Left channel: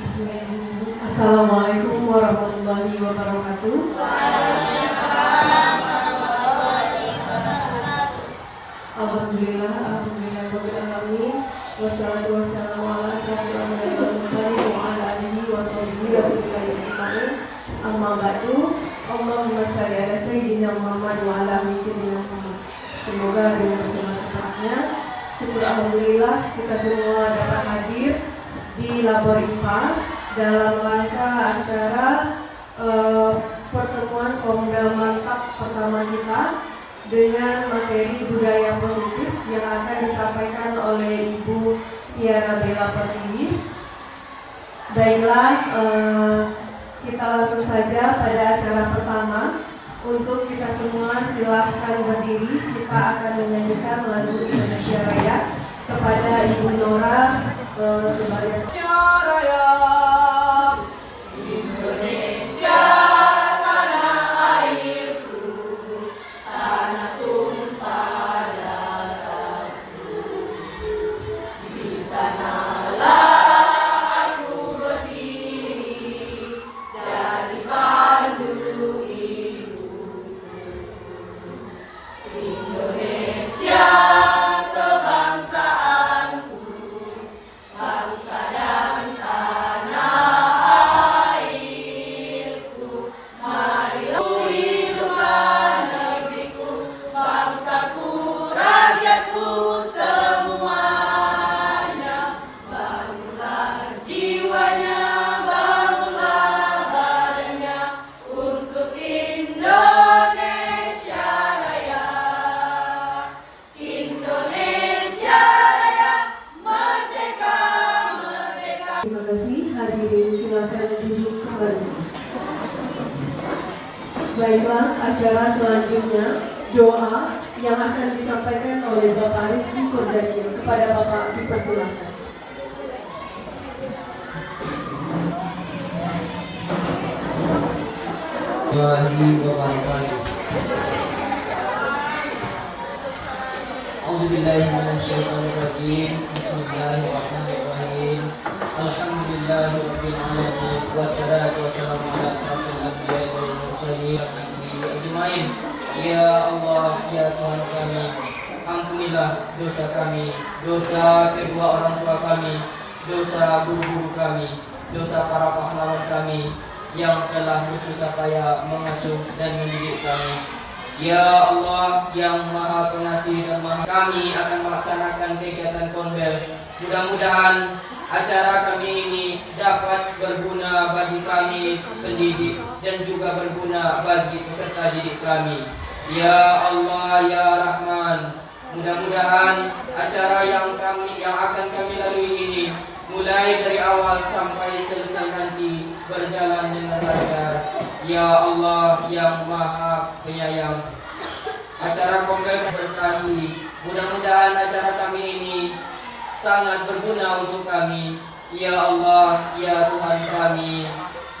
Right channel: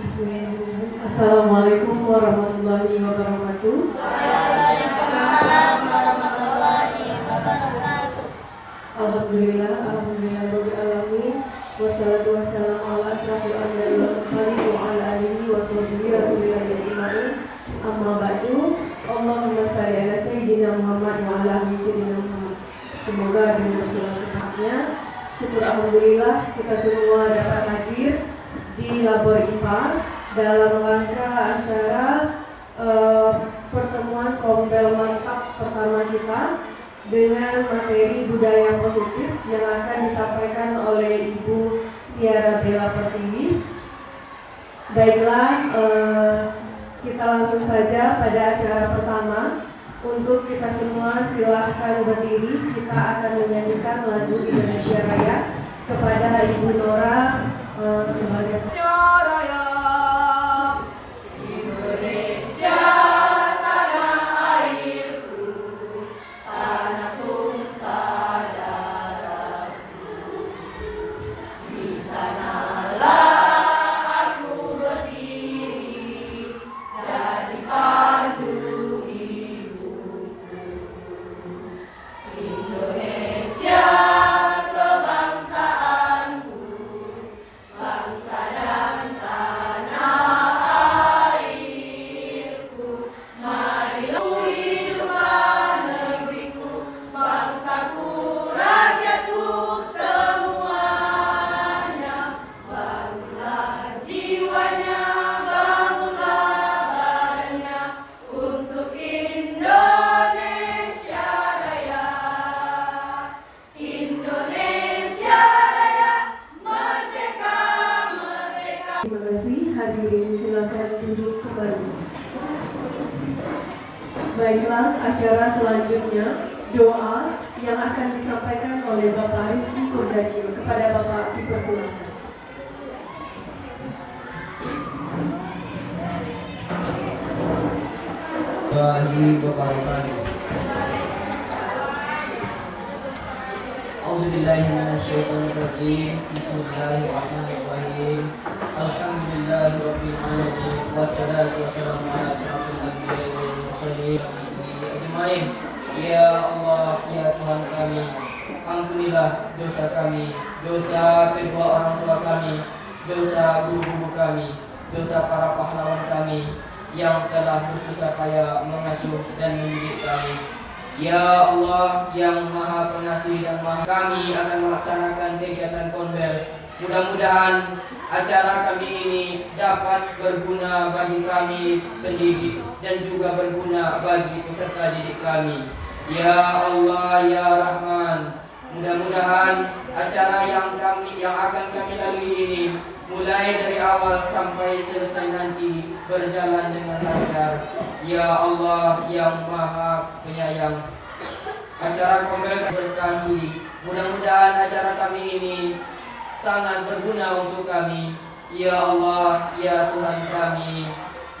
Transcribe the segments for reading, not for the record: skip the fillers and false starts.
Bismillahirrahmanirrahim. Assalamualaikum warahmatullahi wabarakatuh. Alhamdulillah, rabbil alamin. Wassalatu wassalamu ala asyrofil anbiya'i wal mursalin wa ala alihi wa sahbihi rasulillah ajmain. Amma ba'du. Allahumma shalli ala sayyidina Muhammad wa ala ali sayyidina Muhammad. Semoga dengan bersolat tepatnya. Syukur alhamdulillah kita semua dapat hadir di Labor IPA dalam rangka acara pertemuan Kombel Mantap pertama kita dengan materi budaya positif yang akan disampaikan oleh Ibu Tiara Bella Pertiwi. Baiklah, kita langsung saja pada acara pertama. Untuk kita semua silahkan berdiri. Kita akan menyanyikan lagu Indonesia Raya kepada Ibu Nora sebagai Baiklah, acara selanjutnya doa yang akan disampaikan oleh Bapak Rizky Kurdaji. Kepada Bapak dipersilakan. Auzubillahiminasyaitonirrajim. Bismillahirrahmanirrahim. Alhamdulillahirabbil alamin. Wassalatu wassalamu ala asyrofil anbiya'i wal mursalin ajmain. Ya Allah, ya Tuhan kami, ampunilah dosa kami, dosa kedua orang tua kami, dosa guru-guru kami, dosa para pahlawan kami yang telah bersusah payah mengasuh dan mendidik kami. Ya Allah yang Maha Pengasih dan Maha, kami akan melaksanakan kegiatan Kombel. Mudah-mudahan acara kami ini dapat berguna bagi kami pendidik dan juga berguna bagi peserta didik kami. Ya Allah ya Rahman, mudah-mudahan acara yang akan kami lalui ini mulai dari awal sampai selesai nanti berjalan dengan lancar. Ya Allah yang Maha Penyayang, acara Kombel berkahi. Mudah-mudahan acara kami ini sangat berguna untuk kami. Ya Allah, ya Tuhan kami,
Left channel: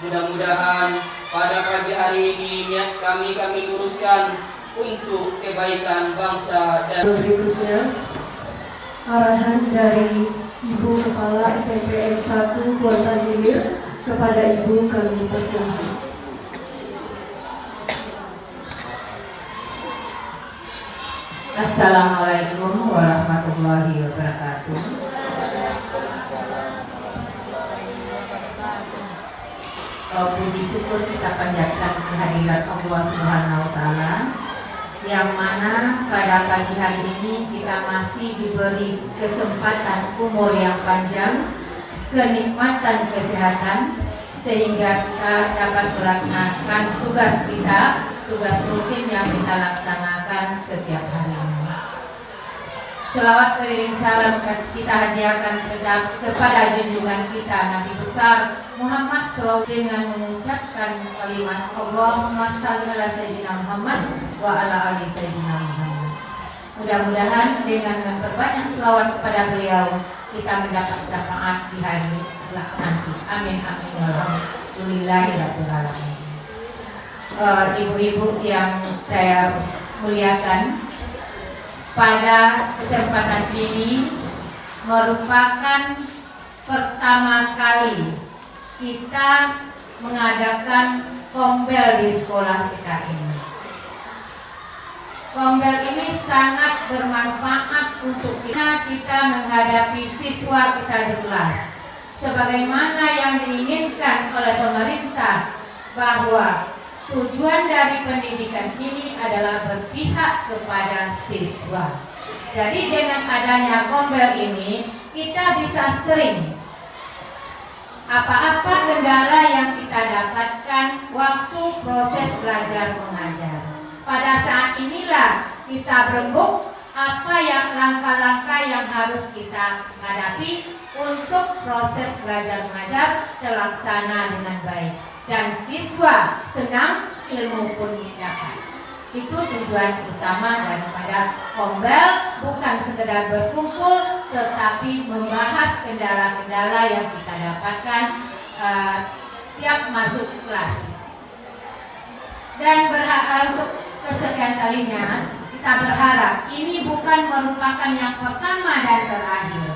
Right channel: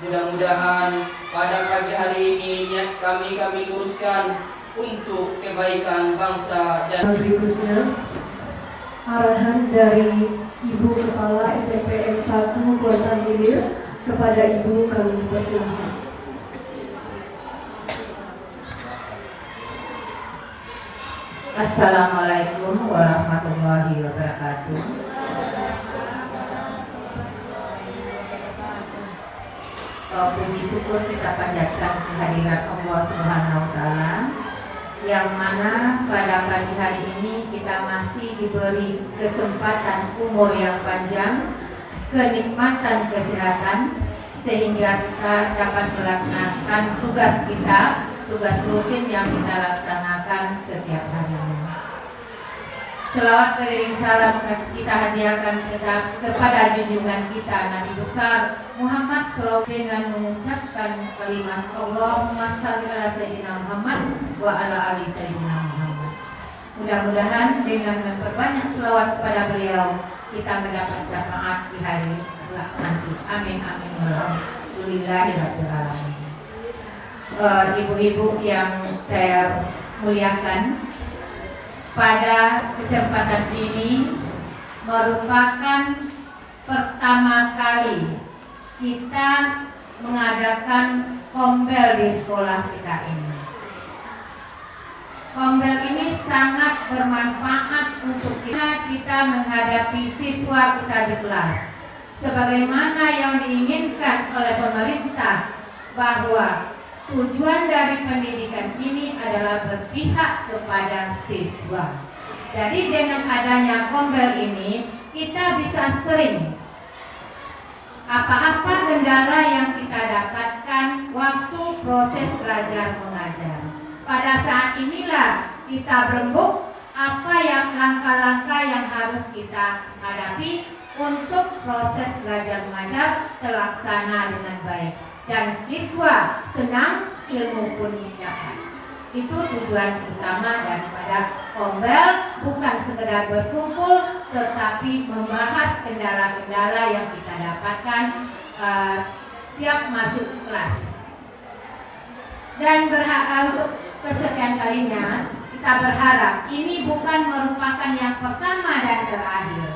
mudah-mudahan pada pagi hari ini niat kami luruskan untuk kebaikan bangsa dan berikutnya arahan dari Ibu Kepala SMPN 1 Kuartal Hilir kepada Ibu kami persilakan. Assalamualaikum warahmatullahi wabarakatuh. Puji syukur kita panjatkan kehadirat Allah Subhanahu wa Ta'ala, yang mana pada pagi hari ini kita masih diberi kesempatan umur yang panjang, kenikmatan kesehatan, sehingga kita dapat melaksanakan tugas rutin yang kita laksanakan setiap hari. Selawat beriring salam kita hadiahkan kepada junjungan kita Nabi besar Muhammad SAW dengan mengucapkan kalimat Allahumma shalli ala sayyidina Muhammad wa ala ali sayyidina Muhammad. Mudah-mudahan dengan memperbanyak selawat kepada beliau kita mendapat syafaat di hari kelak nanti. Amin amin ya rabbil alamin. Ibu-ibu yang saya muliakan, pada kesempatan ini merupakan pertama kali kita mengadakan kombel di sekolah kita ini. Kombel ini sangat bermanfaat untuk kita menghadapi siswa kita di kelas. Sebagaimana yang diinginkan oleh pemerintah, bahwa tujuan dari pendidikan ini adalah berpihak kepada siswa. Jadi dengan adanya kombel ini, kita bisa sering apa-apa kendala yang kita dapatkan waktu proses belajar mengajar. Pada saat inilah kita berembuk apa yang langkah-langkah yang harus kita hadapi untuk proses belajar mengajar terlaksana dengan baik dan siswa senang, ilmu pun dapat. Itu tujuan utama daripada kombel, bukan sekedar berkumpul, tetapi membahas kendala-kendala yang kita dapatkan tiap masuk kelas. Dan untuk kesekian kalinya kita berharap ini bukan merupakan yang pertama dan terakhir,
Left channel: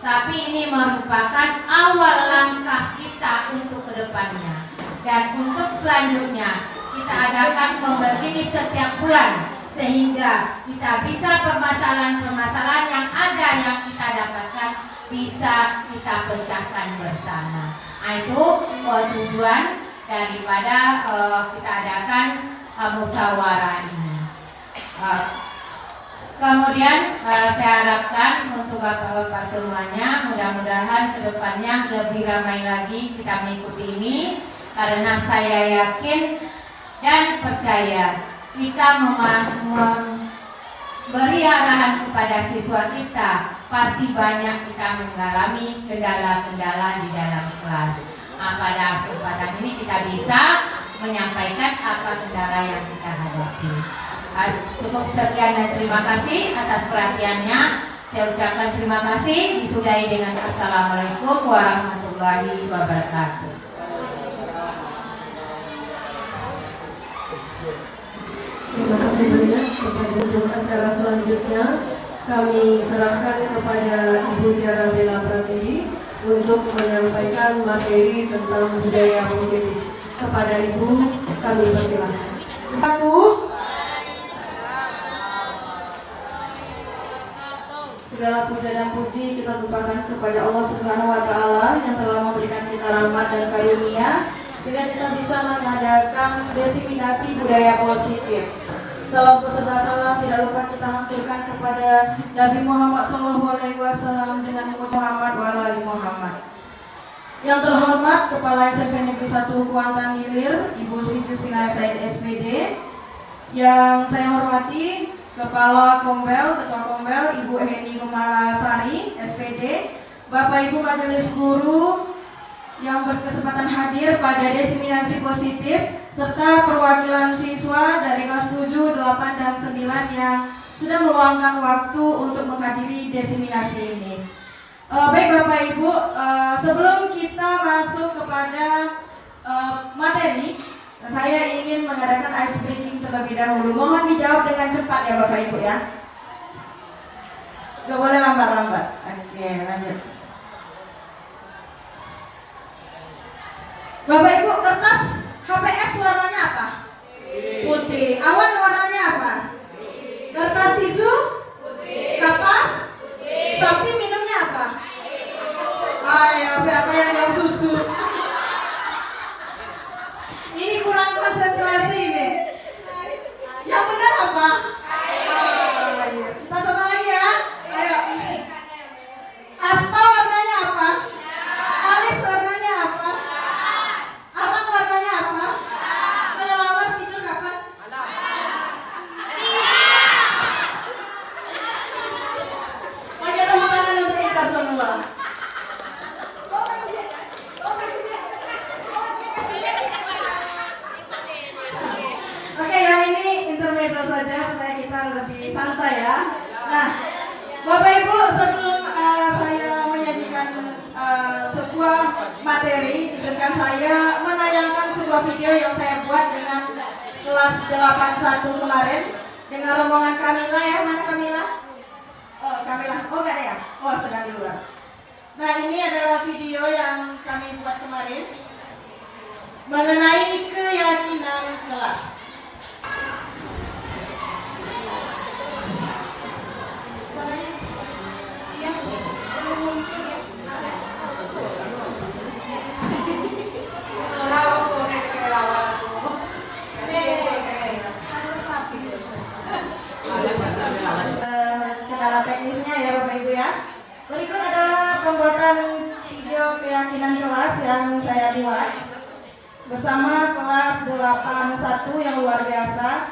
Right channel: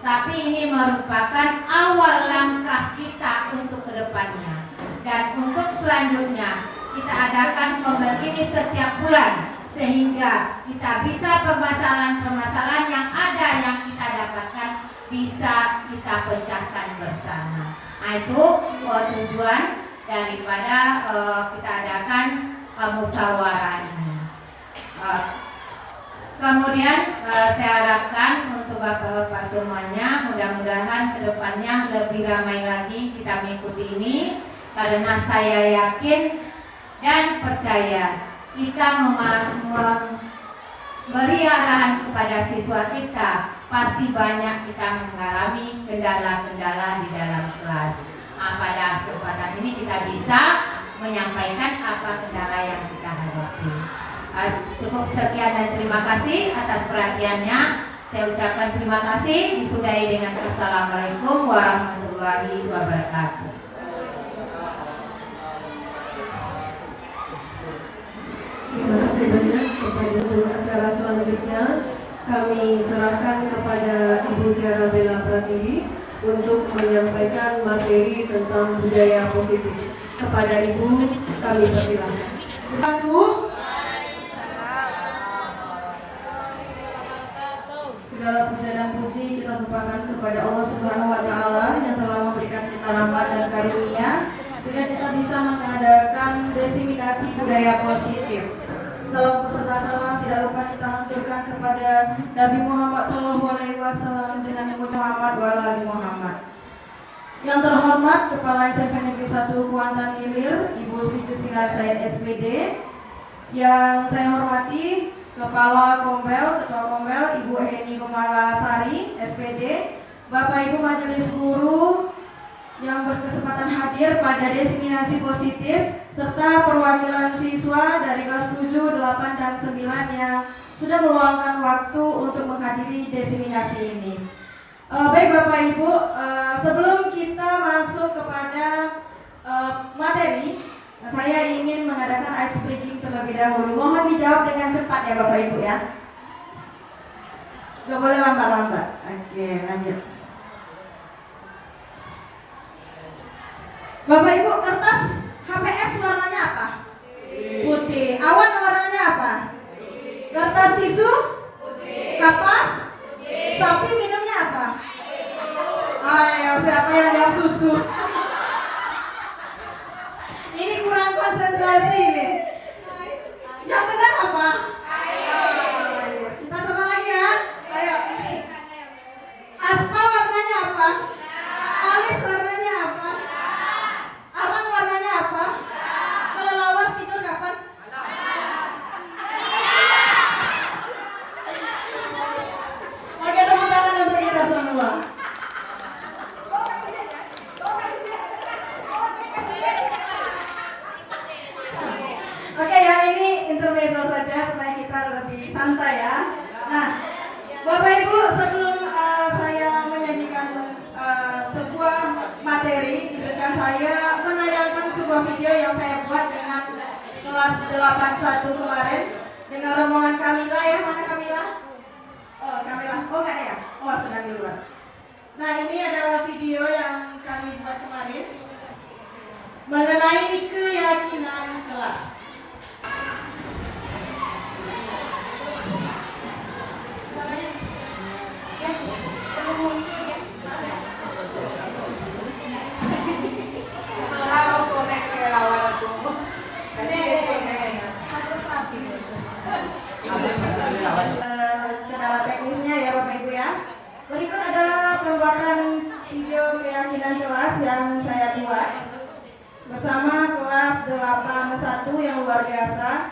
tapi ini merupakan awal langkah kita untuk kedepannya. Dan untuk selanjutnya kita adakan kombel ini setiap bulan, sehingga kita bisa permasalahan-permasalahan yang ada yang kita dapatkan bisa kita pecahkan bersama. Nah, itu tujuan daripada kita adakan musyawarah ini. Kemudian saya harapkan untuk Bapak-Bapak semuanya, mudah-mudahan kedepannya lebih ramai lagi kita mengikuti ini, karena saya yakin dan percaya kita memberi arahan kepada siswa kita, pasti banyak kita mengalami kendala-kendala di dalam kelas. Pada kesempatan ini kita bisa menyampaikan apa kendala yang kita hadapi. Cukup sekian dan terima kasih atas perhatiannya. Saya ucapkan terima kasih, disudahi dengan Assalamualaikum warahmatullahi wabarakatuh. Terima kasih banyak. Untuk acara selanjutnya kami serahkan kepada Ibu Tiara Bella Pratiwi untuk menyampaikan materi tentang budaya positif. Kepada Ibu kami persilahkan. Segala puja dan puji kita lupakan kepada Allah Subhanahu wa Ta'ala yang telah memberikan kita rahmat dan karunia sehingga kita bisa mengadakan diseminasi budaya positif. Salam beserta salam tidak lupa kita haturkan kepada Nabi Muhammad SAW dengan Muhammad wa ali Muhammad. Yang terhormat Kepala SMP Negeri 1 Kuantan Hilir, Ibu Sri Justina Said SPD. Yang saya hormati Kepala Kombel, Ketua Kombel, Ibu Heni Kumalasari SPD, Bapak Ibu Majelis Guru yang berkesempatan hadir pada diseminasi positif, serta perwakilan siswa dari kelas 7, 8, dan 9 yang sudah meluangkan waktu untuk menghadiri diseminasi ini. Baik Bapak Ibu, sebelum kita masuk kepada materi, saya ingin mengadakan ice breaking terlebih dahulu. Mohon dijawab dengan cepat ya Bapak Ibu ya. Gak boleh lambat-lambat. Oke, lanjut. Bapak Ibu, kertas HPS warnanya apa? Putih. Awan warnanya apa? Kertas tisu? Putih. Kapas? Putih. Sapi minumnya apa? Ya, siapa yang minum susu? Ini kurang konsentrasi ini. Yang benar apa? Kita coba lagi ya. Ayo. Aspal warnanya apa? Alis warnanya apa? Arang warnanya apa? Kelelawar tidur kapan? Oke, tepuk tangan untuk kita semua. Oke, yang ini intermezzo saja supaya kita lebih santai ya. Nah, Bapak Ibu, sebelum saya menyanyikan sebuah materi, izinkan saya menayangkan sebuah video yang saya buat dengan kelas 81 kemarin dengan rombongan Kamila ya. Mana Kamila? Oh, Kamila. Oh, nggak ada ya? Oh, sedang di luar. Nah, ini adalah video yang kami Jumat kemarin mengenai keyakinan kelas. Kendala teknisnya ya Bapak Ibu ya. Berikut adalah pembuatan video keyakinan kelas yang saya buat bersama kelas 81 yang luar biasa.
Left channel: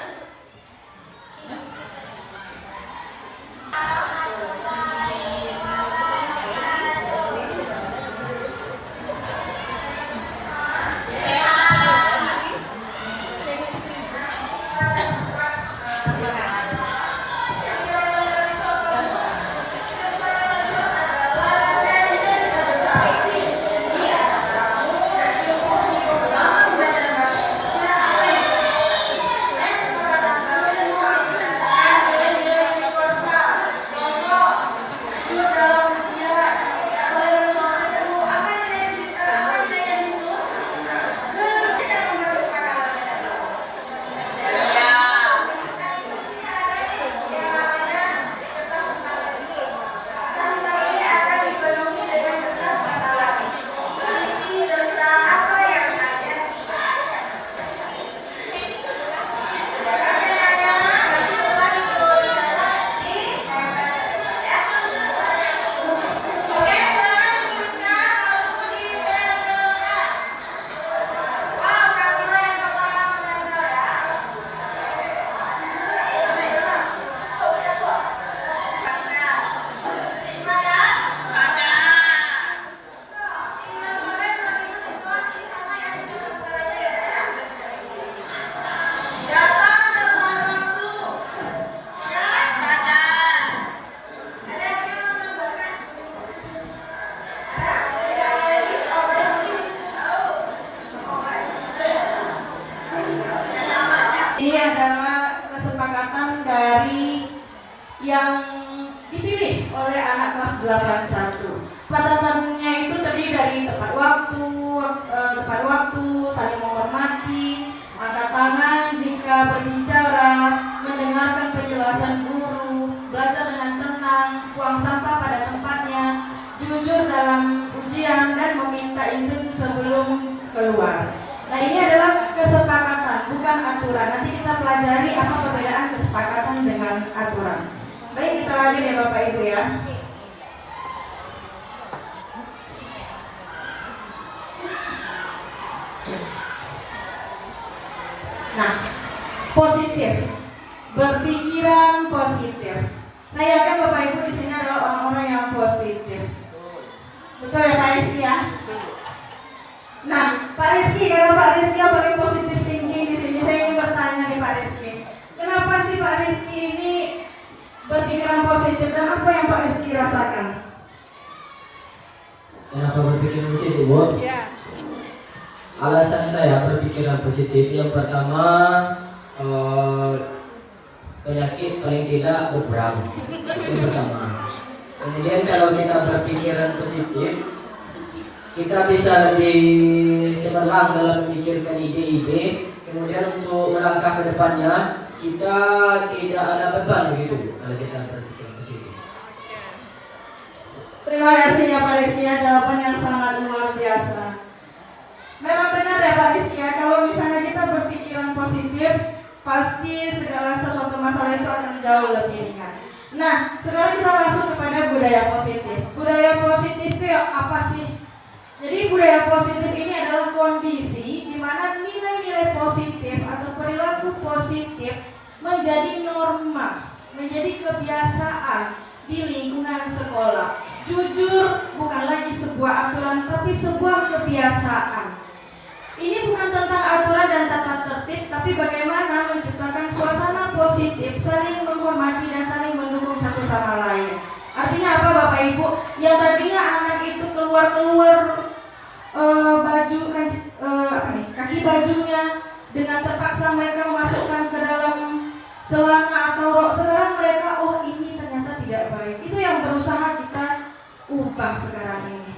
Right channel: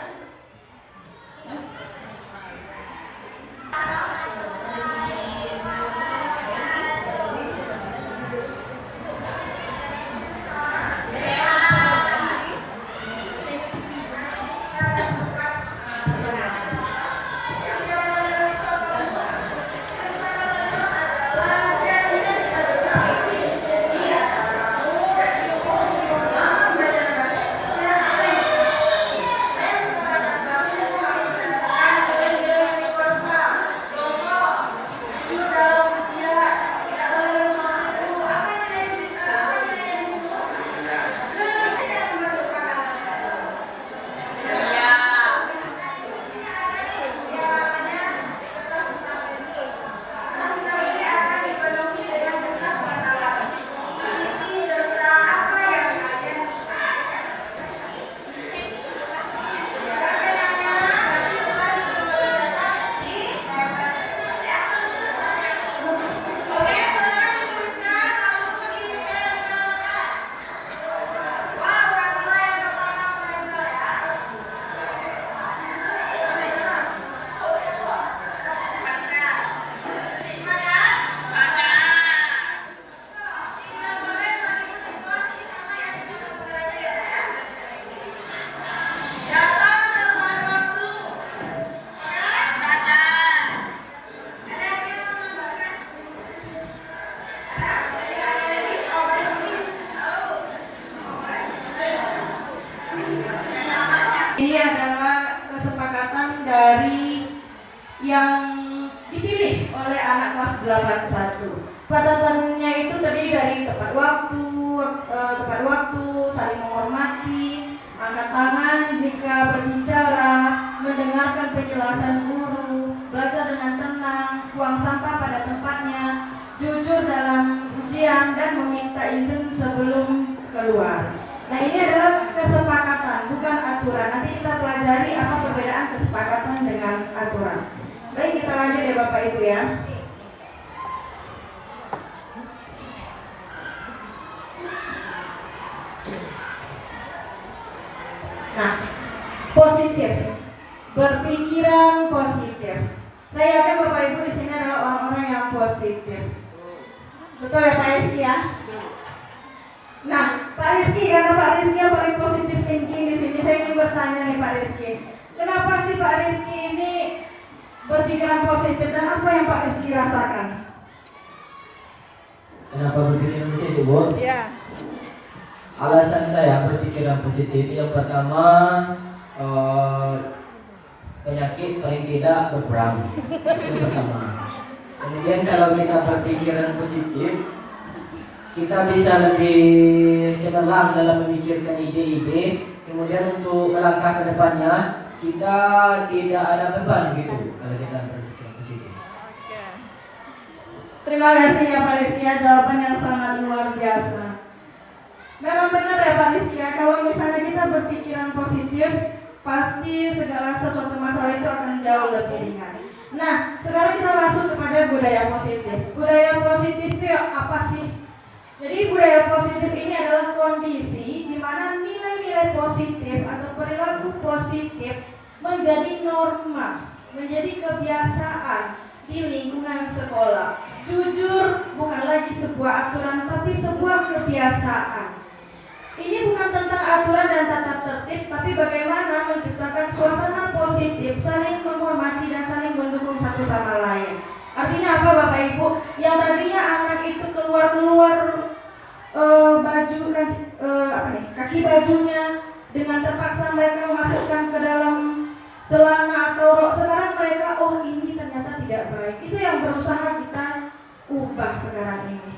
Ini adalah kesepakatan dari yang dipilih oleh anak kelas 81. Kesepakatannya itu terdiri dari tepat waktu, saling menghormati, angkat tangan jika berbicara, mendengarkan penjelasan guru, belajar dengan tenang, buang sampah pada tempatnya, jujur dalam ujian dan meminta izin sebelum keluar. Nah, ini adalah kesepakatan, bukan aturan. Nanti kita pelajari apa perbedaan kesepakatan dengan aturan. Baik, kita lanjut ya Bapak Ibu ya. Nah, positif, berpikiran positif. Saya yakin Bapak Ibu di sini adalah orang-orang yang positif. Betul ya Pak Rizky ya? Nah, Pak Rizky, karena Pak Rizky yang paling positif thinking di sini, saya ingin bertanya nih Pak Rizky. Kenapa sih Pak Rizky ini berpikiran positif dan apa yang Pak Rizky rasakan? Kenapa berpikiran positif, Bu? Iya. Alasan saya berpikiran positif yang pertama, penyakit paling tidak berperang. Itu pertama. Kemudian kalau kita berpikiran positif, kita bisa lebih cemerlang dalam memikirkan ide-ide. Kemudian untuk melangkah ke depannya, kita tidak ada beban begitu kalau kita berpikir positif. Oke. Terima kasih ya Pak Rizky ya, jawaban yang sangat luar biasa. Memang benar ya Pak Rizky ya, kalau misalnya kita berpikiran positif, pasti segala sesuatu masalah itu akan jauh lebih ringan. Nah, sekarang kita masuk kepada budaya positif. Budaya positif itu ya apa sih? Jadi budaya positif ini adalah kondisi di mana nilai-nilai positif atau perilaku positif menjadi norma, menjadi kebiasaan di lingkungan sekolah. Jujur bukan lagi sebuah aturan tapi sebuah kebiasaan. Ini bukan tentang aturan dan tata tertib, tapi bagaimana menciptakan suasana positif, saling menghormati dan saling mendukung satu sama lain. Artinya apa Bapak Ibu? Yang tadinya anak itu keluar kaki bajunya, dengan terpaksa mereka memasukkan ke dalam celana atau rok. Sekarang mereka, oh ini ternyata tidak baik. Itu yang berusaha kita ubah sekarang ini.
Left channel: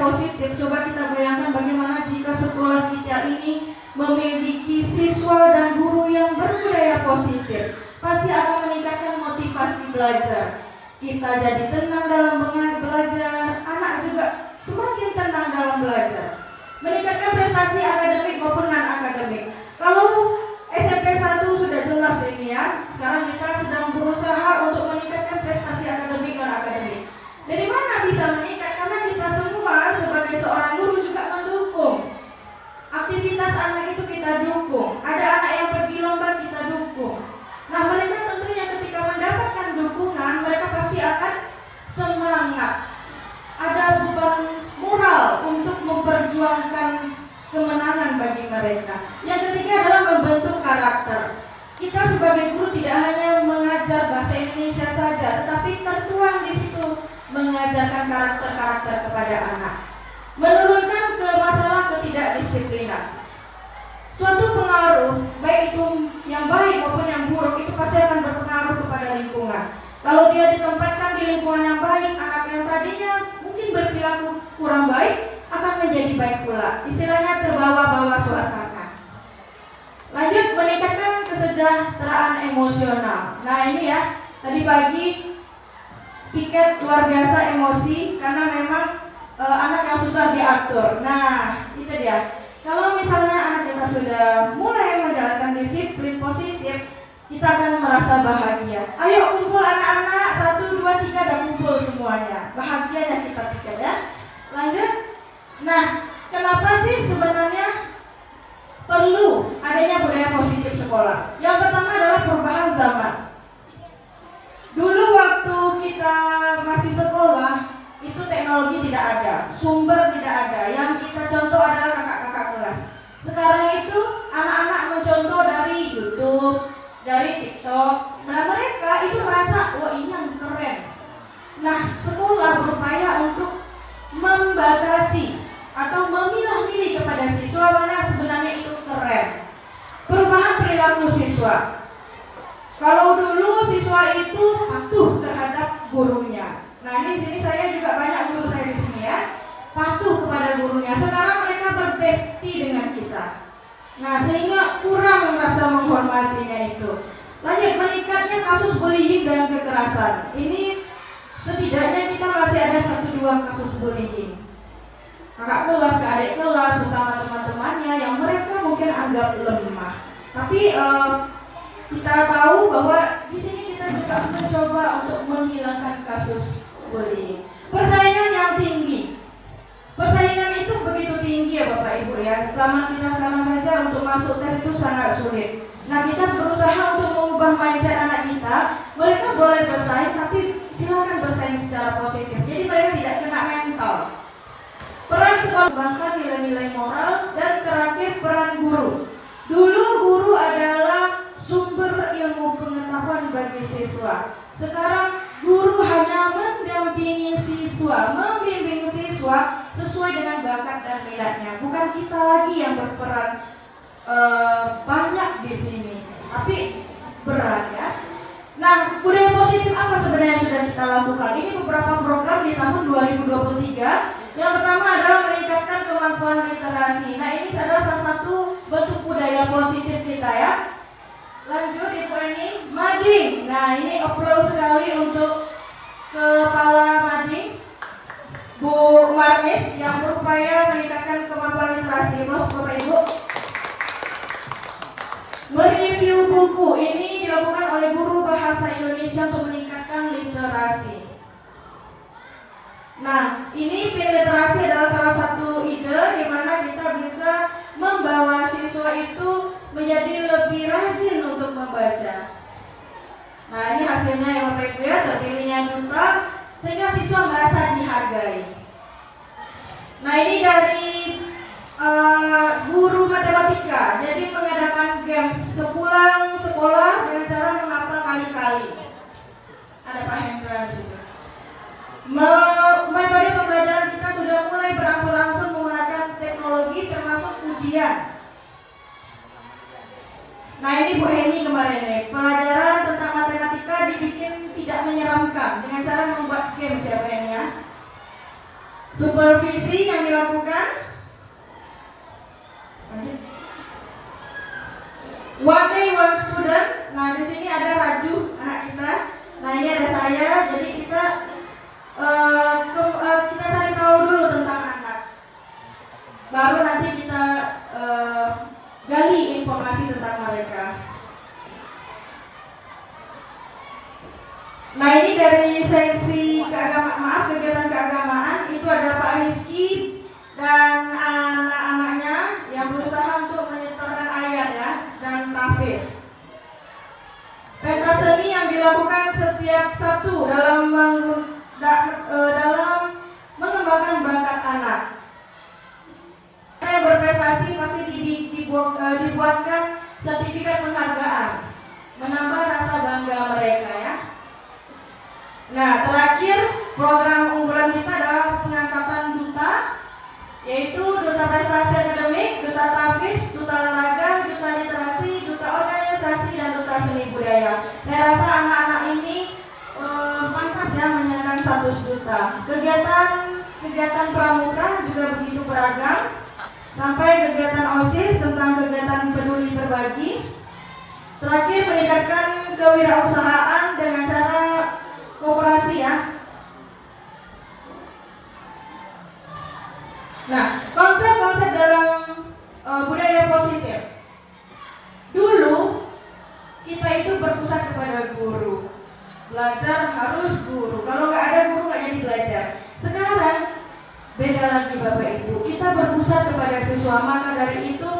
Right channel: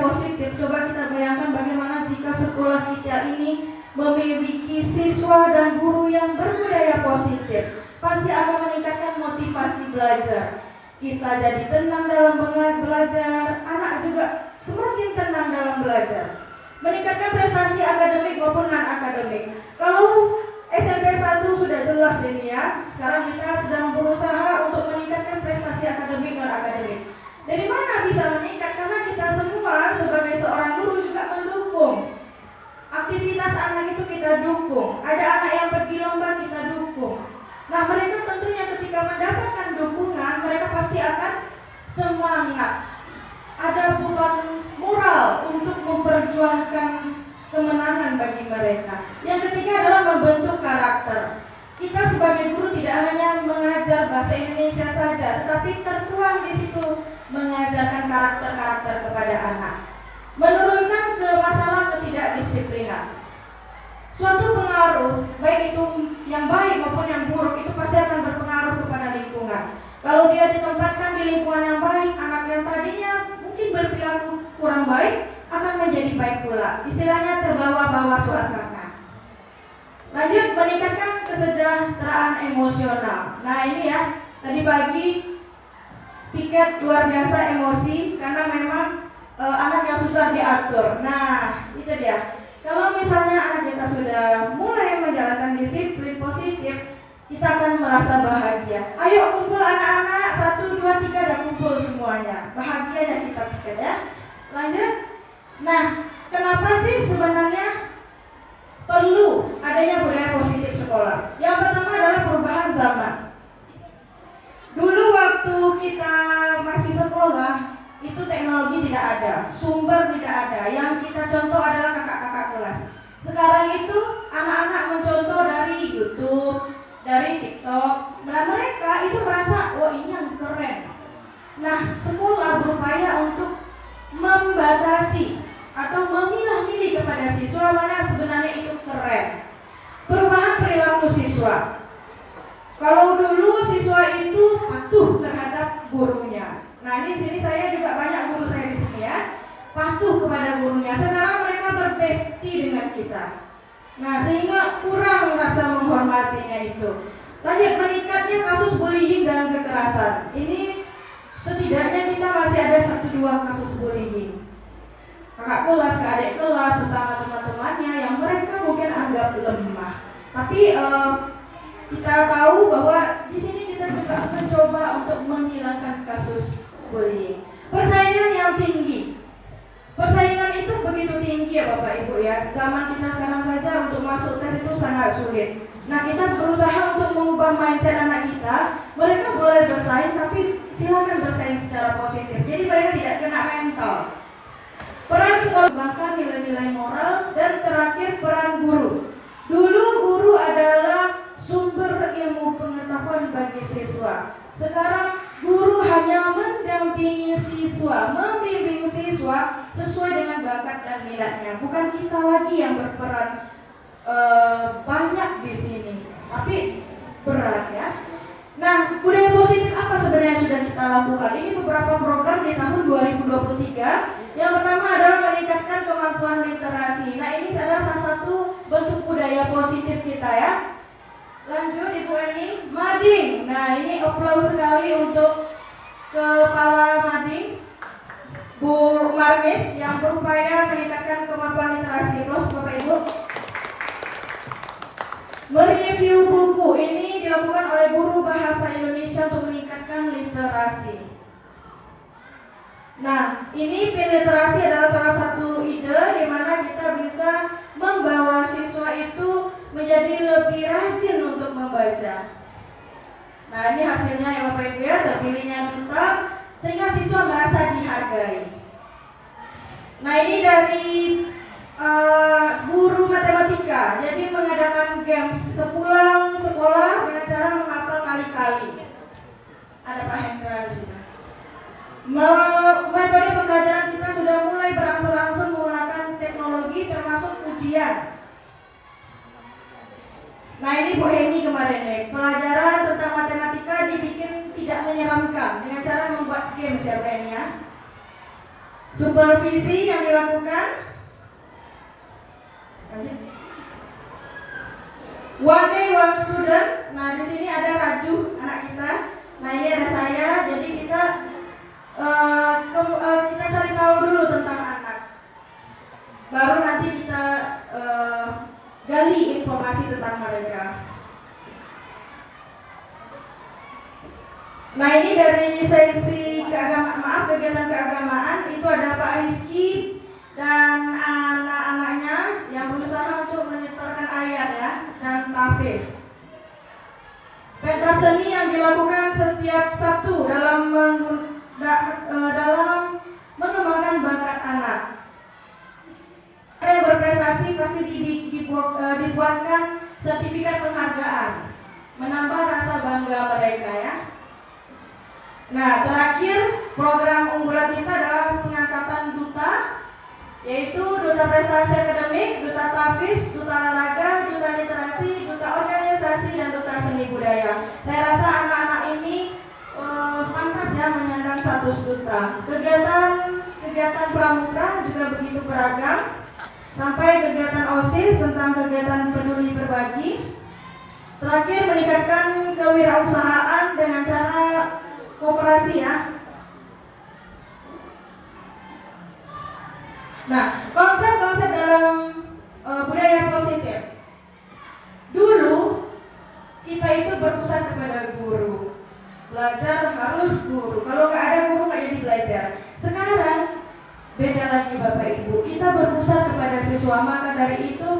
positif. Coba kita bayangkan bagaimana jika sekolah kita ini memiliki siswa dan guru yang berbudaya positif. Pasti akan meningkatkan motivasi belajar. Kita jadi tenang dalam belajar, anak juga semakin tenang dalam belajar. Meningkatkan prestasi akademik maupun non-akademik. Kalau SMP 1 sudah jelas ini ya. Sekarang kita sedang berusaha untuk meningkatkan prestasi akademik dan akademik. Dari mana bisa meningkat? Karena kita semua sebagai seorang guru juga mendukung. Aktivitas anak itu kita dukung. Ada anak yang pergi lomba kita dukung. Nah, mereka tentunya ketika mendapatkan dukungan, mereka pasti akan semangat. Ada beban moral untuk memperjuangkan kemenangan bagi mereka. Yang ketiga adalah membentuk karakter. Kita sebagai guru tidak hanya mengajar bahasa Indonesia saja, tetapi tertuang di situ mengajarkan karakter-karakter kepada anak. Menurunkan ke masalah ketidakdisiplinan. Suatu pengaruh, baik itu yang baik maupun yang buruk, itu pasti akan berpengaruh kepada lingkungan. Kalau dia ditempatkan di lingkungan yang baik, anak yang tadinya mungkin berperilaku kurang baik akan menjadi baik pula. Istilahnya terbawa-bawa suasana. Lanjut, meningkatkan kesejahteraan emosional. Nah ini ya, tadi pagi piket luar biasa emosi karena memang anak yang susah diatur. Nah itu dia. Kalau misalnya anak kita sudah mulai menjalankan disiplin positif, kita akan merasa bahagia. Ayo kumpul anak-anak, 1, 2, 3 dan kumpul semuanya. Bahagia ya kita pikir ya. Lanjut. Nah, kenapa sih sebenarnya perlu adanya budaya positif sekolah? Yang pertama adalah perubahan zaman. Dulu waktu kita masih sekolah, itu teknologi tidak ada, sumber tidak ada. Yang kita contoh adalah kakak-kakak kelas. Sekarang itu anak-anak mencontoh dari YouTube, dari TikTok. Nah, mereka itu merasa, wah ini yang keren. Nah, sekolah berupaya untuk membatasi atau memilah-milih kepada siswa mana sebenarnya itu keren. Perubahan perilaku siswa. Kalau dulu siswa itu patuh terhadap gurunya. Nah, di sini saya juga banyak guru saya di sini ya, patuh kepada gurunya. Sekarang mereka berbesti dengan kita. Nah, sehingga kurang rasa menghormatinya itu. Lanjut, meningkatnya kasus bullying dan kekerasan. Ini setidaknya kita masih ada 1-2 kasus bullying. Kakak kelas, adik kelas, sesama teman-temannya yang mereka mungkin anggap lemah. Tapi kita tahu bahwa di sini kita juga mencoba untuk menghilangkan kasus bullying. Persaingan yang tinggi. Persaingan itu begitu tinggi ya Bapak Ibu ya. Zaman kita sekarang saja untuk masuk tes itu sangat sulit. Nah, kita berusaha untuk mengubah mindset anak kita. Mereka boleh bersaing tapi silakan bersaing secara positif. Jadi mereka tidak kena mental. Peran sekolah mengembangkan nilai-nilai moral dan terakhir peran guru. Dulu guru adalah sumber ilmu pengetahuan bagi siswa. Sekarang guru hanya mendampingi siswa, membimbing siswa sesuai dengan bakat dan minatnya. Bukan kita lagi yang berperan banyak di sini, tapi berat ya. Nah, budaya positif apa sebenarnya yang sudah kita lakukan? Ini beberapa program di tahun 2023. Yang pertama adalah meningkatkan kemampuan literasi. Nah, ini adalah salah satu bentuk budaya positif kita ya. Lanjut Ibu Eni, Mading. Nah, ini applause sekali untuk Kepala Mading, Bu Marmis yang berupaya meningkatkan kemampuan literasi. Applause Bapak Ibu. Mereview buku ini dilakukan oleh guru bahasa Indonesia untuk meningkatkan literasi. Nah, ini pin literasi adalah salah satu ide di mana kita bisa membawa siswa itu menjadi lebih rajin untuk membaca. Nah, ini hasilnya ya Bapak Ibu ya, terpilihnya duta sehingga siswa merasa dihargai. Nah, ini dari guru matematika, jadi mengadakan games sepulang sekolah dengan cara menghafal kali-kali. Ada Pak Hendra di sini. Metode pembelajaran kita sudah mulai berangsur-angsur menggunakan teknologi termasuk ujian. Nah, ini Bu Heni kemarin nih, pelajaran tentang matematika dibikin tidak menyeramkan dengan cara membuat games ya Bu Heni ya. Supervisi yang dilakukan. One day one student. Nah, di sini ada Raju, anak kita. Nah, ini ada saya. Jadi kita kita cari tahu dulu tentang anak. Baru nanti kita gali informasi tentang mereka. Nah, ini dari seksi kegiatan keagamaan itu ada Pak Rizky dan anak-anaknya yang berusaha untuk menyetorkan ayat ya dan tahfiz. Pentas seni yang dilakukan setiap Sabtu dalam mengembangkan bakat anak. Yang berprestasi pasti dibuatkan sertifikat penghargaan, menambah rasa bangga mereka ya. Nah, terakhir program unggulan kita adalah pengangkatan duta, yaitu duta prestasi akademik, duta tahfiz, duta olahraga, duta literasi, duta organisasi, dan duta seni budaya. Saya rasa anak-anak ini pantas ya menyandang status duta. Kegiatan pramuka juga begitu beragam, sampai kegiatan OSIS tentang kegiatan peduli berbagi. Terakhir meningkatkan kewirausahaan dengan cara kooperasi ya. Nah, konsep-konsep dalam budaya positif. Dulu kita itu berpusat kepada guru. Belajar harus guru. Kalau nggak ada guru nggak jadi belajar. Sekarang beda lagi Bapak Ibu. Kita berpusat kepada siswa. Maka dari itu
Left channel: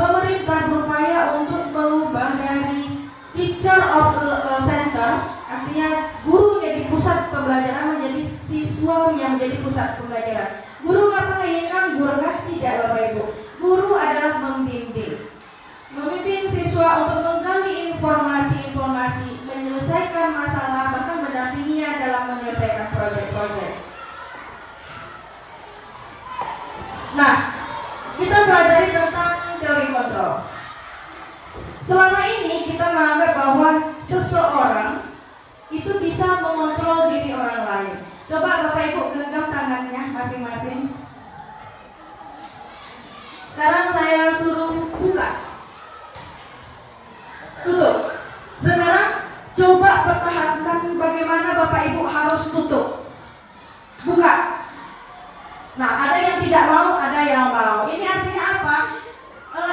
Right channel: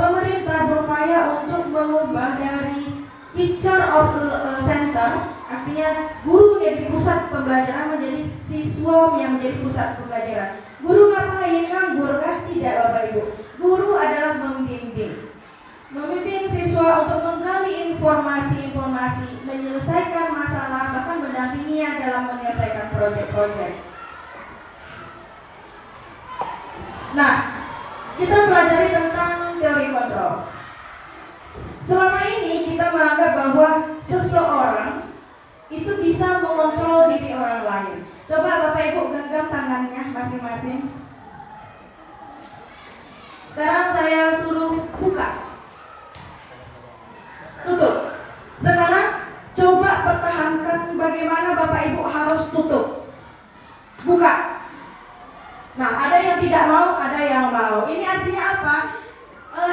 pemerintah berupaya untuk mengubah dari teacher of the center, artinya guru menjadi pusat pembelajaran, menjadi siswa yang menjadi pusat pembelajaran. Guru ngapain? Nganggur kah? Tidak Bapak Ibu. Guru adalah membimbing siswa untuk menggali informasi-informasi, menyelesaikan masalah, bahkan mendampinginya dalam menyelesaikan proyek-proyek. Nah, kita pelajari tentang teori kontrol. Selama ini kita menganggap bahwa seseorang itu bisa mengontrol diri orang lain. Coba Bapak Ibu genggam tangannya masing-masing. Sekarang saya suruh buka, tutup. Sekarang coba pertahankan bagaimana Bapak Ibu harus tutup, buka. Nah, ada yang tidak mau, ada yang mau. Ini artinya apa?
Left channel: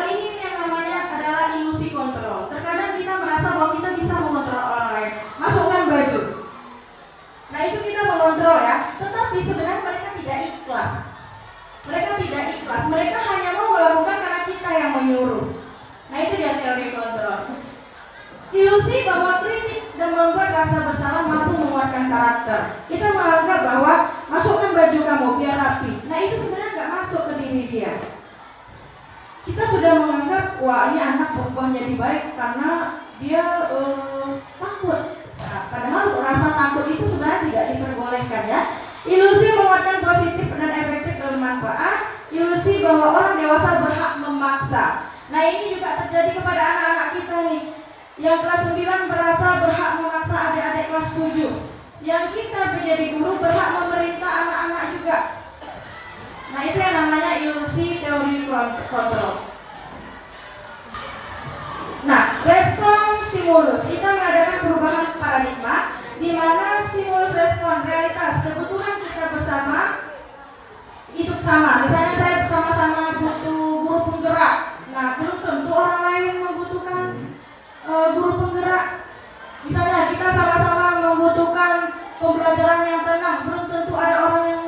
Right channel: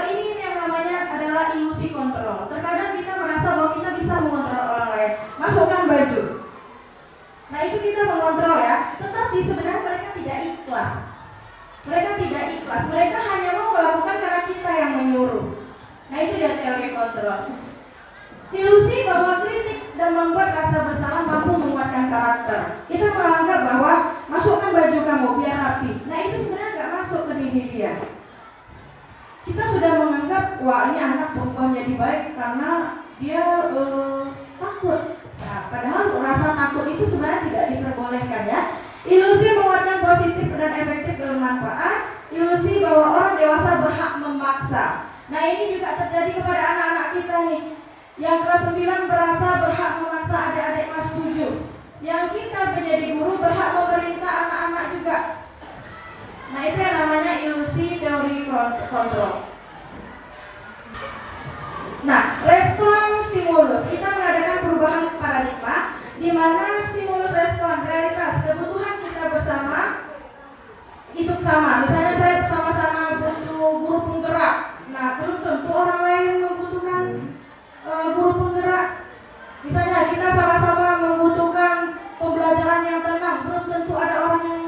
Ini yang namanya adalah ilusi kontrol. Terkadang kita merasa bahwa kita bisa mengontrol orang lain. Masukkan baju. Nah, itu kita mengontrol ya. Tetapi sebenarnya mereka tidak ikhlas. Mereka tidak ikhlas. Mereka hanya mau melakukan karena kita yang menyuruh. Nah, itu dia teori kontrol. Ilusi bahwa kritik dan membuat rasa bersalah mampu menguatkan karakter. Kita menganggap bahwa masukkan baju kamu biar rapi. Nah, itu sebenarnya nggak masuk ke diri dia. Kita sudah menganggap, wah ini anak berubah jadi baik karena dia takut. Nah, padahal rasa takut itu sebenarnya tidak diperbolehkan ya. Ilusi menguatkan positif dan efektif bermanfaat. Ilusi bahwa orang dewasa berhak memaksa. Nah, ini juga terjadi kepada anak-anak kita nih. Yang kelas 9 berasa berhak memaksa adik-adik kelas 7. Yang kita menjadi guru berhak memerintah anak-anak juga. Nah, itu yang namanya ilusi teori kontrol. Nah, respon stimulus. Kita mengadakan perubahan paradigma di mana stimulus respon realitas kebutuhan kita bersama itu sama. Misalnya saya bersama-sama butuh guru penggerak. Nah, belum tentu orang lain membutuhkan guru penggerak. Misalnya kita sama-sama membutuhkan pembelajaran yang tenang, belum tentu ada orang yang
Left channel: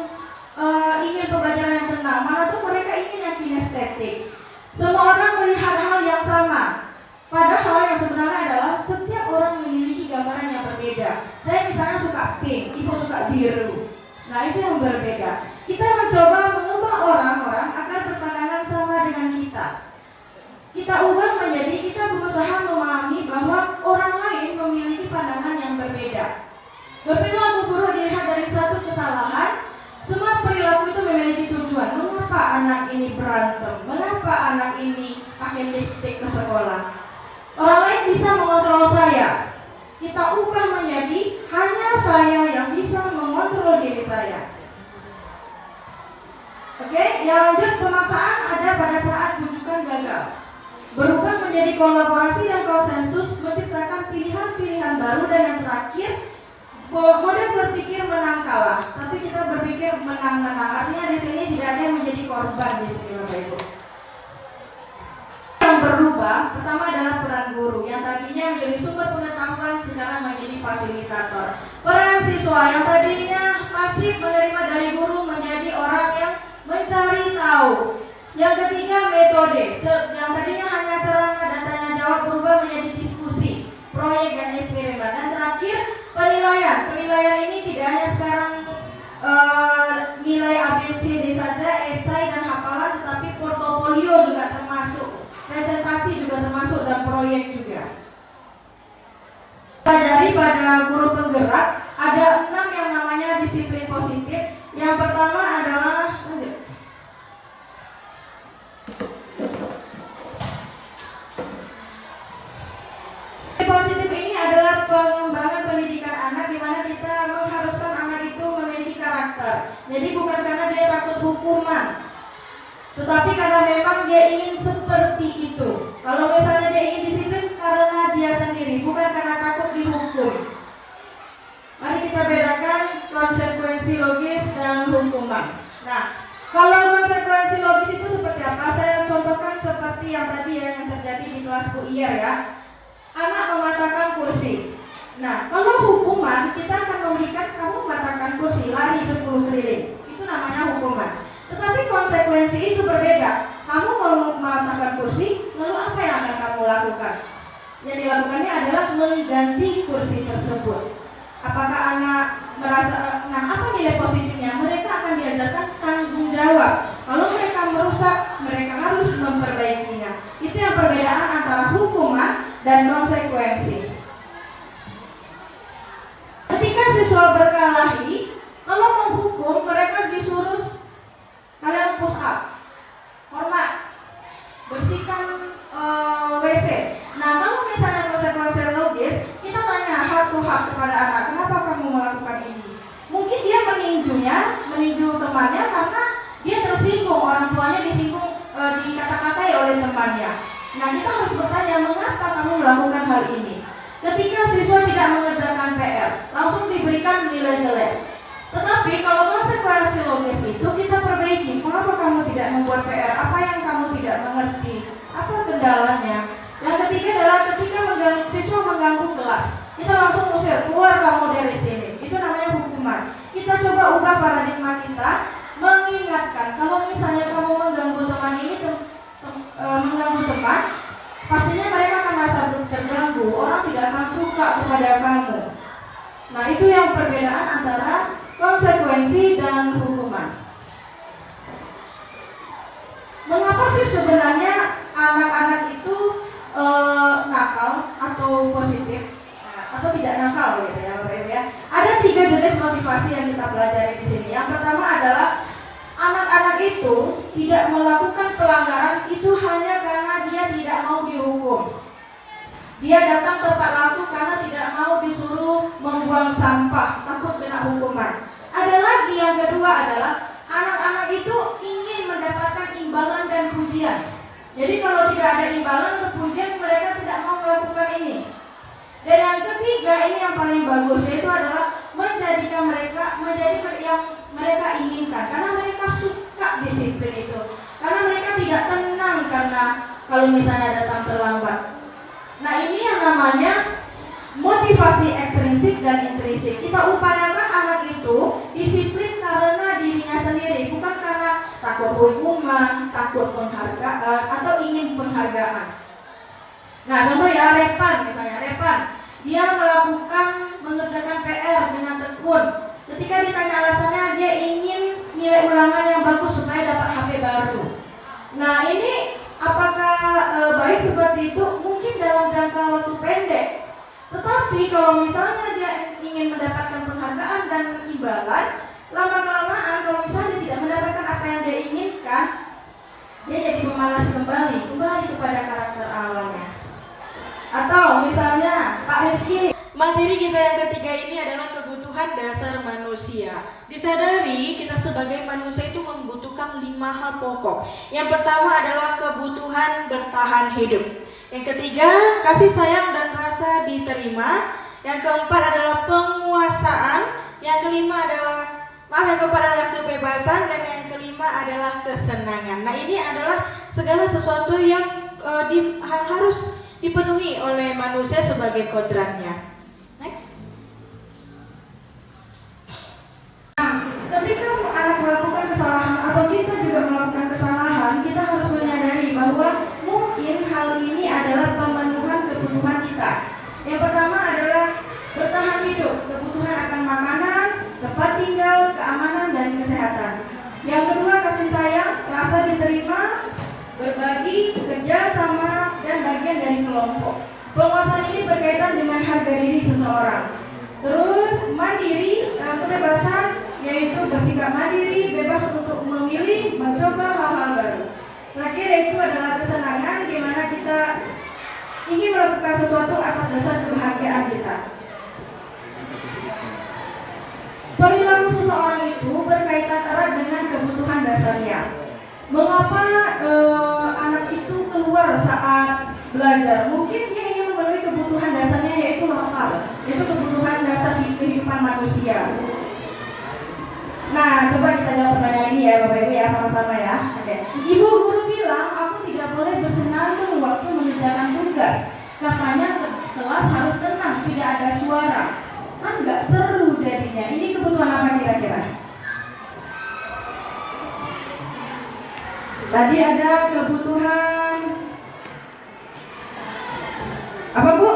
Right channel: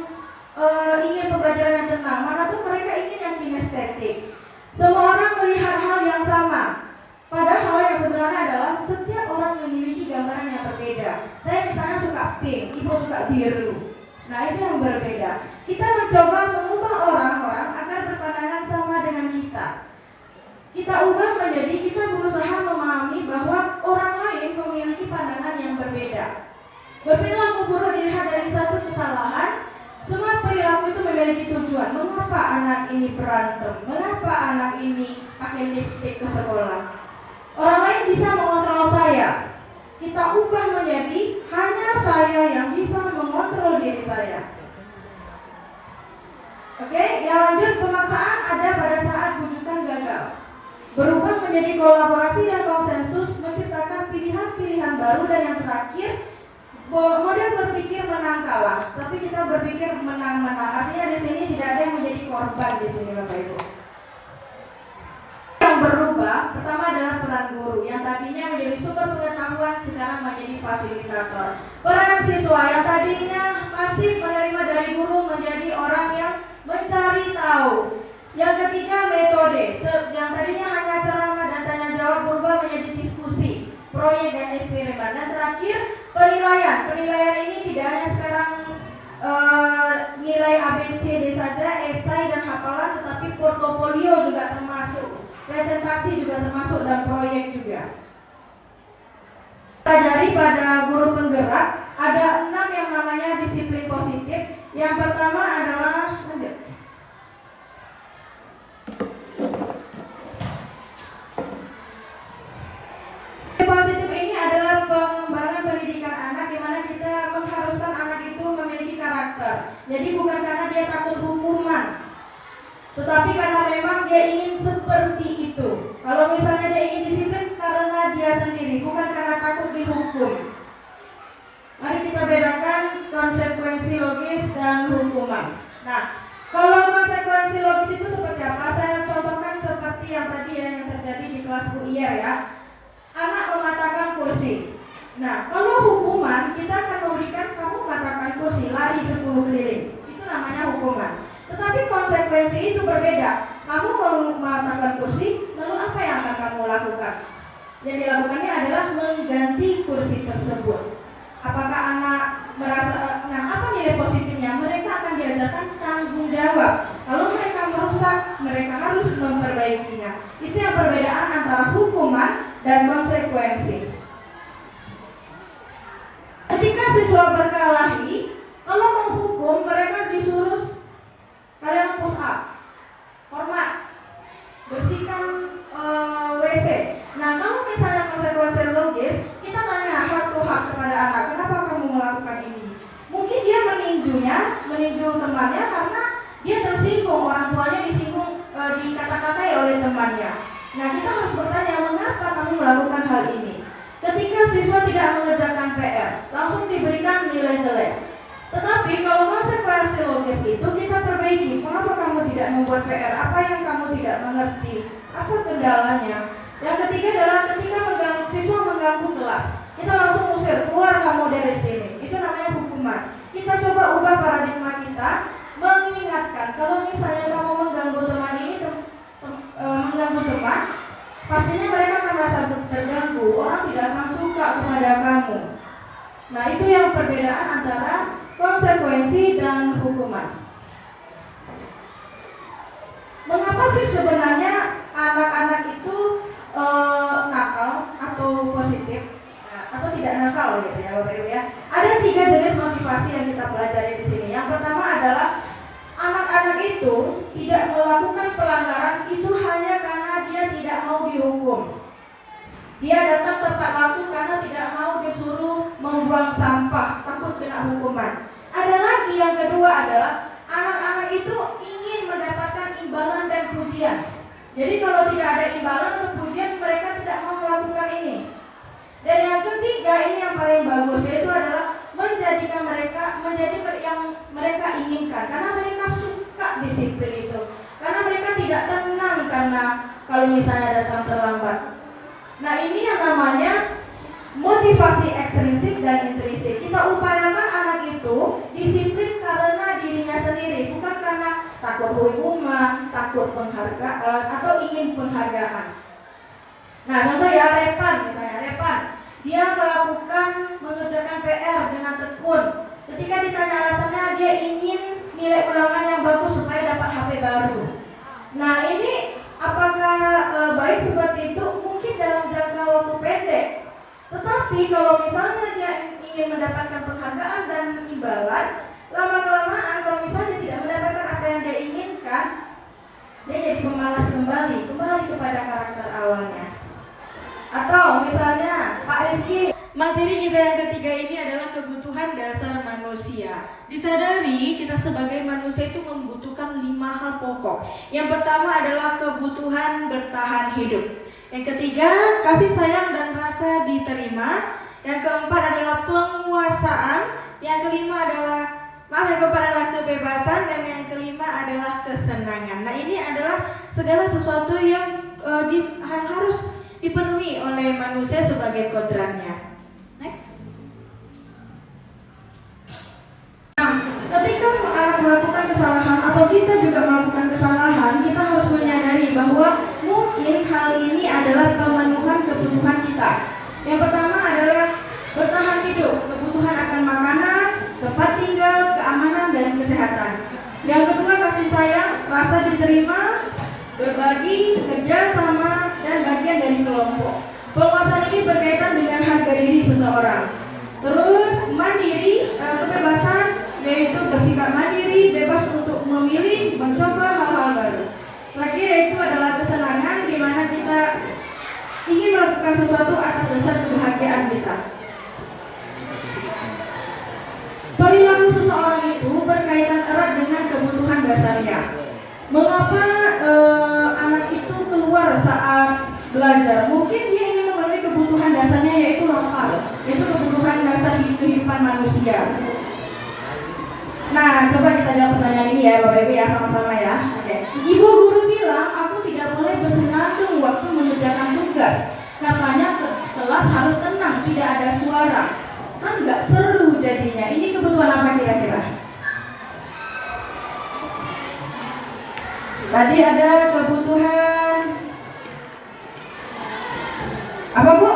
ingin pembelajaran yang tenang. Mana tuh mereka ingin yang kinestetik. Semua orang melihat hal yang sama. Padahal yang sebenarnya adalah setiap orang memiliki gambaran yang berbeda. Saya misalnya suka pink, ibu suka biru. Nah, itu yang berbeda. Kita mencoba mengubah orang-orang agar berpandangan sama dengan kita. Kita ubah menjadi kita berusaha memahami bahwa orang lain memiliki pandangan yang berbeda. Berperilaku buruk dilihat dari satu kesalahan. Semua perilaku itu memiliki tujuan. Mengapa anak ini berantem? Mengapa anak ini pakai lipstik ke sekolah? Orang lain bisa mengontrol saya. Kita ubah menjadi hanya saya yang bisa mengontrol diri saya. Oke, yang lanjut, pemaksaan ada pada saat rujukan gagal. Berubah menjadi kolaborasi dan konsensus, menciptakan pilihan-pilihan baru, dan yang terakhir, model berpikir menang kalah, tapi kita berpikir menang-menang. Artinya di sini tidak ada yang menjadi korban di sini, Bapak Ibu. Yang berubah pertama adalah peran guru yang tadinya menjadi sumber pengetahuan sekarang menjadi fasilitator. Peran siswa yang tadinya masih menerima dari guru menjadi orang yang mencari tahu. Yang ketiga, metode yang tadinya hanya ceramah dan tanya jawab berubah menjadi diskusi, proyek, dan eksperimen. Dan terakhir, penilaian. Penilaian ini tidak hanya sekarang nilai ABCD saja, esai dan hafalan, tetapi portofolio juga termasuk, presentasi juga termasuk, dan proyek juga. Pelajari pada guru penggerak ada 6 yang namanya disiplin positif. Yang pertama adalah positif ini adalah pengembangan pendidikan anak, di mana kita mengharuskan anak itu memiliki karakter. Jadi bukan karena dia takut hukuman, tetapi karena memang dia ingin seperti itu. Kalau misalnya dia ingin disiplin karena dia sendiri, bukan karena takut dihukum. Mari kita bedakan konsekuensi logis dan hukuman. Nah, kalau konsekuensi logis itu seperti apa? Saya contohkan seperti yang tadi yang terjadi di kelas UIR ya. Anak mematahkan kursi. Nah, kalau hukuman kita akan memberikan kamu mematahkan kursi, lari 10 keliling. Itu namanya hukuman. Tetapi konsekuensi itu berbeda. Kamu mematahkan kursi, lalu apa yang akan kamu lakukan? Yang dilakukannya adalah mengganti kursi tersebut. Apakah anak merasa, nah apa nilai positifnya? Mereka akan diajarkan tanggung jawab. Kalau mereka merusak, mereka harus memperbaikinya. Itu yang perbedaan antara hukuman dan konsekuensi. Ketika siswa berkelahi, kalau menghukum mereka disuruh kalian push up, hormat, bersihkan WC. Nah, kalau misalnya konsekuensi logis, kita tanya heart to heart kepada anak, kenapa kamu melakukan ini? Mungkin dia meninju temannya karena dia tersinggung, orang tuanya disinggung, dikata-katai oleh temannya. Nah, kita harus bertanya, mengapa kamu melakukan hal ini? Ketika siswa tidak mengerjakan PR, langsung diberikan nilai jelek. Tetapi kalau konsekuensi logis itu kita perbaiki. Mengapa kamu tidak membuat PR? Apa yang kamu tidak mengerti? Apa kendalanya? Yang ketiga adalah ketika siswa mengganggu kelas, kita langsung usir, keluar kamu dari sini. Itu namanya hukuman. Kita coba ubah paradigma kita, mengingatkan kalau misalnya kamu mengganggu teman ini, mengganggu teman, pastinya mereka akan merasa terganggu. Orang tidak akan suka kepada kamu. Nah, itu yang perbedaan antara konsekuensi dan hukuman. Mengapa sih sebenarnya anak-anak itu nakal atau positif atau tidak nakal gitu ya, Bapak Ibu ya? Ada 3 jenis motivasi yang kita pelajari di sini. Yang pertama adalah anak-anak itu tidak melakukan pelanggaran itu hanya karena dia tidak mau dihukum. Dia datang tepat waktu karena tidak mau disuruh membuang sampah, takut kena hukuman. Ada lagi yang kedua adalah anak-anak itu ingin mendapatkan imbalan dan pujian. Jadi kalau tidak ada imbalan atau pujian, mereka tidak mau melakukan ini. Dan yang ketiga, ini yang paling bagus, yaitu adalah menjadikan mereka menjadi yang mereka inginkan, karena mereka suka disiplin itu, karena mereka tidak tenang karena kalau misalnya datang terlambat. Nah, ini yang namanya motivasi ekstrinsik dan intrinsik. Kita upayakan anak itu disiplin karena dirinya sendiri, bukan karena takut hukuman, takut penghargaan atau ingin penghargaan. Nah, contoh ya, Repan misalnya, Repan dia mengerjakan PR dengan tekun. Ketika ditanya alasannya, dia ingin nilai ulangan yang bagus supaya dapat HP baru. Nah, ini apakah baik seperti itu? Mungkin dalam jangka waktu pendek. Tetapi kalau misalnya dia ingin mendapatkan penghargaan dan imbalan, lama-kelamaan kalau misalnya tidak mendapatkan apa yang dia inginkan, dia jadi pemalas kembali kepada karakter awalnya. Atau misalnya Pak Rizky, materi kita yang ketiga ini adalah kebutuhan dasar manusia. Disadari kita sebagai manusia itu membutuhkan 5 hal pokok. Yang pertama adalah kebutuhan bertahan hidup. Yang ketiga, kasih sayang dan rasa diterima. Yang keempat adalah penguasaan. Yang kelima adalah kebebasan, dan yang kelima adalah kesenangan. Nah, ini adalah segala sesuatu yang harus dipenuhi oleh manusia sebagai kodratnya. Next. Ketika melakukan kesalahan atau kita juga melakukan kesalahan, kita harus menyadari bahwa mungkin hal ini adalah pemenuhan kebutuhan kita. Yang pertama adalah bertahan hidup, kebutuhan akan makanan, tempat tinggal, keamanan, dan kesehatan. Yang kedua, kasih sayang, rasa diterima, berbagi, kerja sama, dan bagian dari kelompok. Penguasaan ini berkaitan dengan harga diri seseorang. Terus mandiri, kebebasan, yaitu bersifat mandiri, bebas untuk memilih, mencoba hal-hal baru. Terakhir yaitu adalah kesenangan, di mana kita ingin melakukan sesuatu atas dasar kebahagiaan kita. Perilaku seseorang itu berkaitan erat dengan kebutuhan dasarnya. Mengapa anak itu keluar saat belajar? Mungkin dia ingin memenuhi kebutuhan dasarnya, yaitu lapar, yaitu kebutuhan dasar di kehidupan manusia. Nah, coba kita jawab pertanyaan ini ya Bapak Ibu ya, sama-sama ya. Oke. Ibu guru bilang aku tidak boleh bersenandung waktu mengerjakan tugas. Katanya kelas harus tenang, tidak ada suara. Kan nggak seru jadinya. Ini kebutuhan apa kira-kira? Tadi ada kebutuhan apa Bu?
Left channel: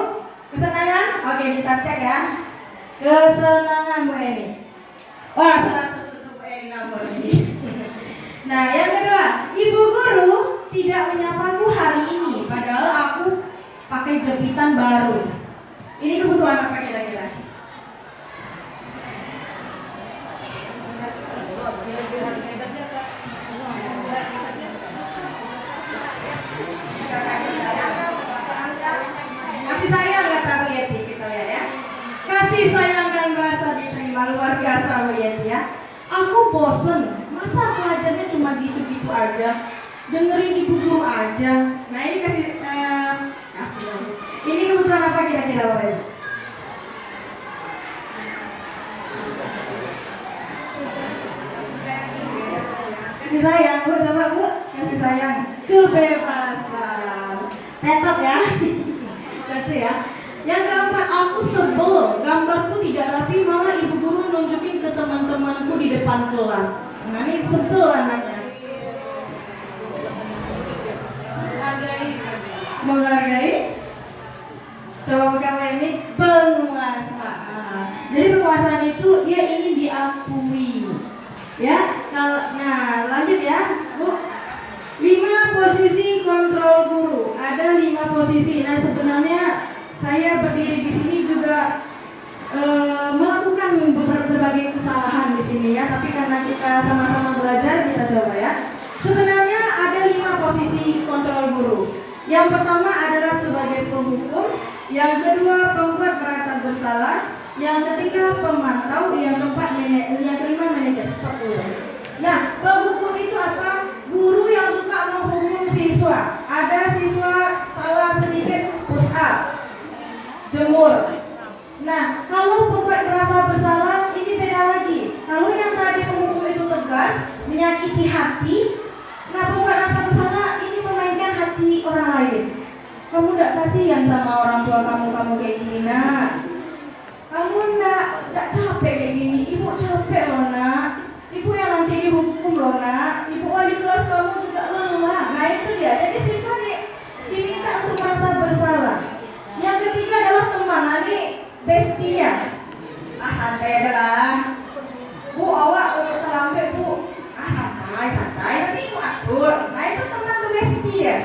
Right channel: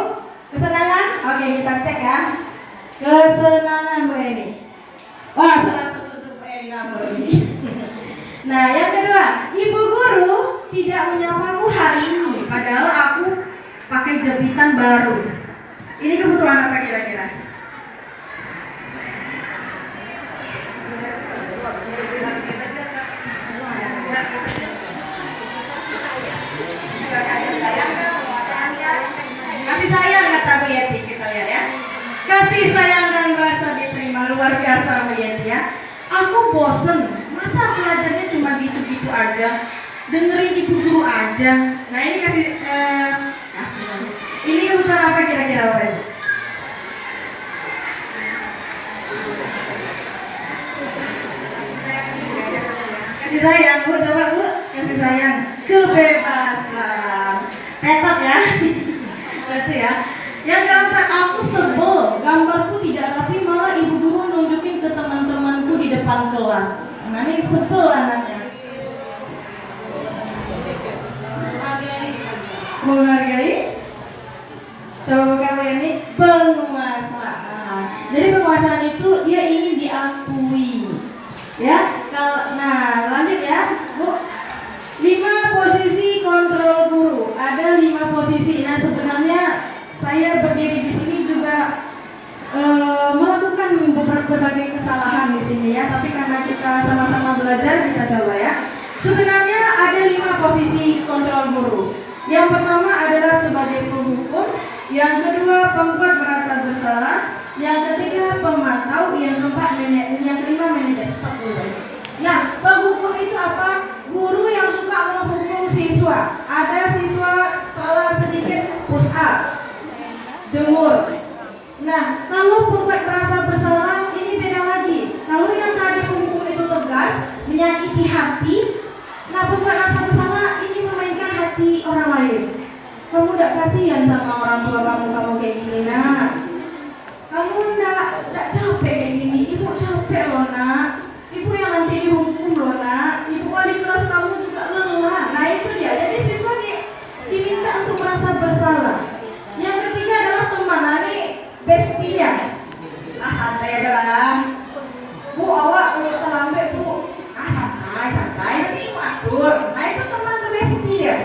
Kesenangan? Oke, kita cek ya. Kesenangan Bu Eni. Wah, 100 untuk Bu Eni nomor ini. Nah, yang kedua, ibu guru tidak menyapaku hari ini, padahal aku pakai jepitan baru. Ini kebutuhan apa kira-kira? Kasih sayang kata Bu Yeti, kita lihat ya. Kasih sayang dan rasa diterima, luar biasa Bu Yeti ya. Aku bosen, masa belajarnya cuma gitu-gitu aja, dengerin ibu guru aja. Nah ini kasih ini kebutuhan apa kira-kira Bapak Ibu? Kasih sayang Bu, coba Bu, kasih sayang, kebebasan, tetot ya. Berarti ya. Yang keempat, aku sebel, gambarku tidak rapi, malah ibu guru nunjukin ke teman-temanku di depan kelas. Nah ini sebel anaknya. Menghargai. Coba buka ini penguasaan. Jadi penguasaan itu dia ingin diakui. Ya, nah lanjut ya, Bu. 5 posisi kontrol guru. Ada 5 posisi. Nah sebenarnya saya berdiri di sini juga melakukan berbagai kesalahan di sini ya. Tapi karena kita sama-sama belajar, kita coba ya. Sebenarnya ada 5 posisi kontrol guru. Yang pertama adalah sebagai penghukum. Yang kedua pembuat merasa bersalah. Yang ketiga pemantau. Yang kelima manajer. Stop dulu. Nah, penghukum itu apa? Guru yang suka menghukum siswa. Ada siswa salah sedikit push up, jemur. Nah, kalau pembuat merasa bersalah ini beda lagi. Kalau yang tadi penghukum itu tegas, menyakiti hati. Nah, pembuat merasa bersalah ini memainkan hati orang lain. Kamu tidak kasihan sama orang tua kamu kayak gini nak. Kamu tidak capek kayak gini. Ibu capek loh nak. Ibu yang nanti dihukum loh nak. Ibu wali kelas kamu juga lelah. Nah itu dia. Jadi siswa diminta untuk merasa bersalah. Yang ketiga adalah teman. Nah ini bestia. Santai aja lah. Bu awak kalau terlambat bu. Santai. Nanti ibu atur. Nah itu teman tuh bestia.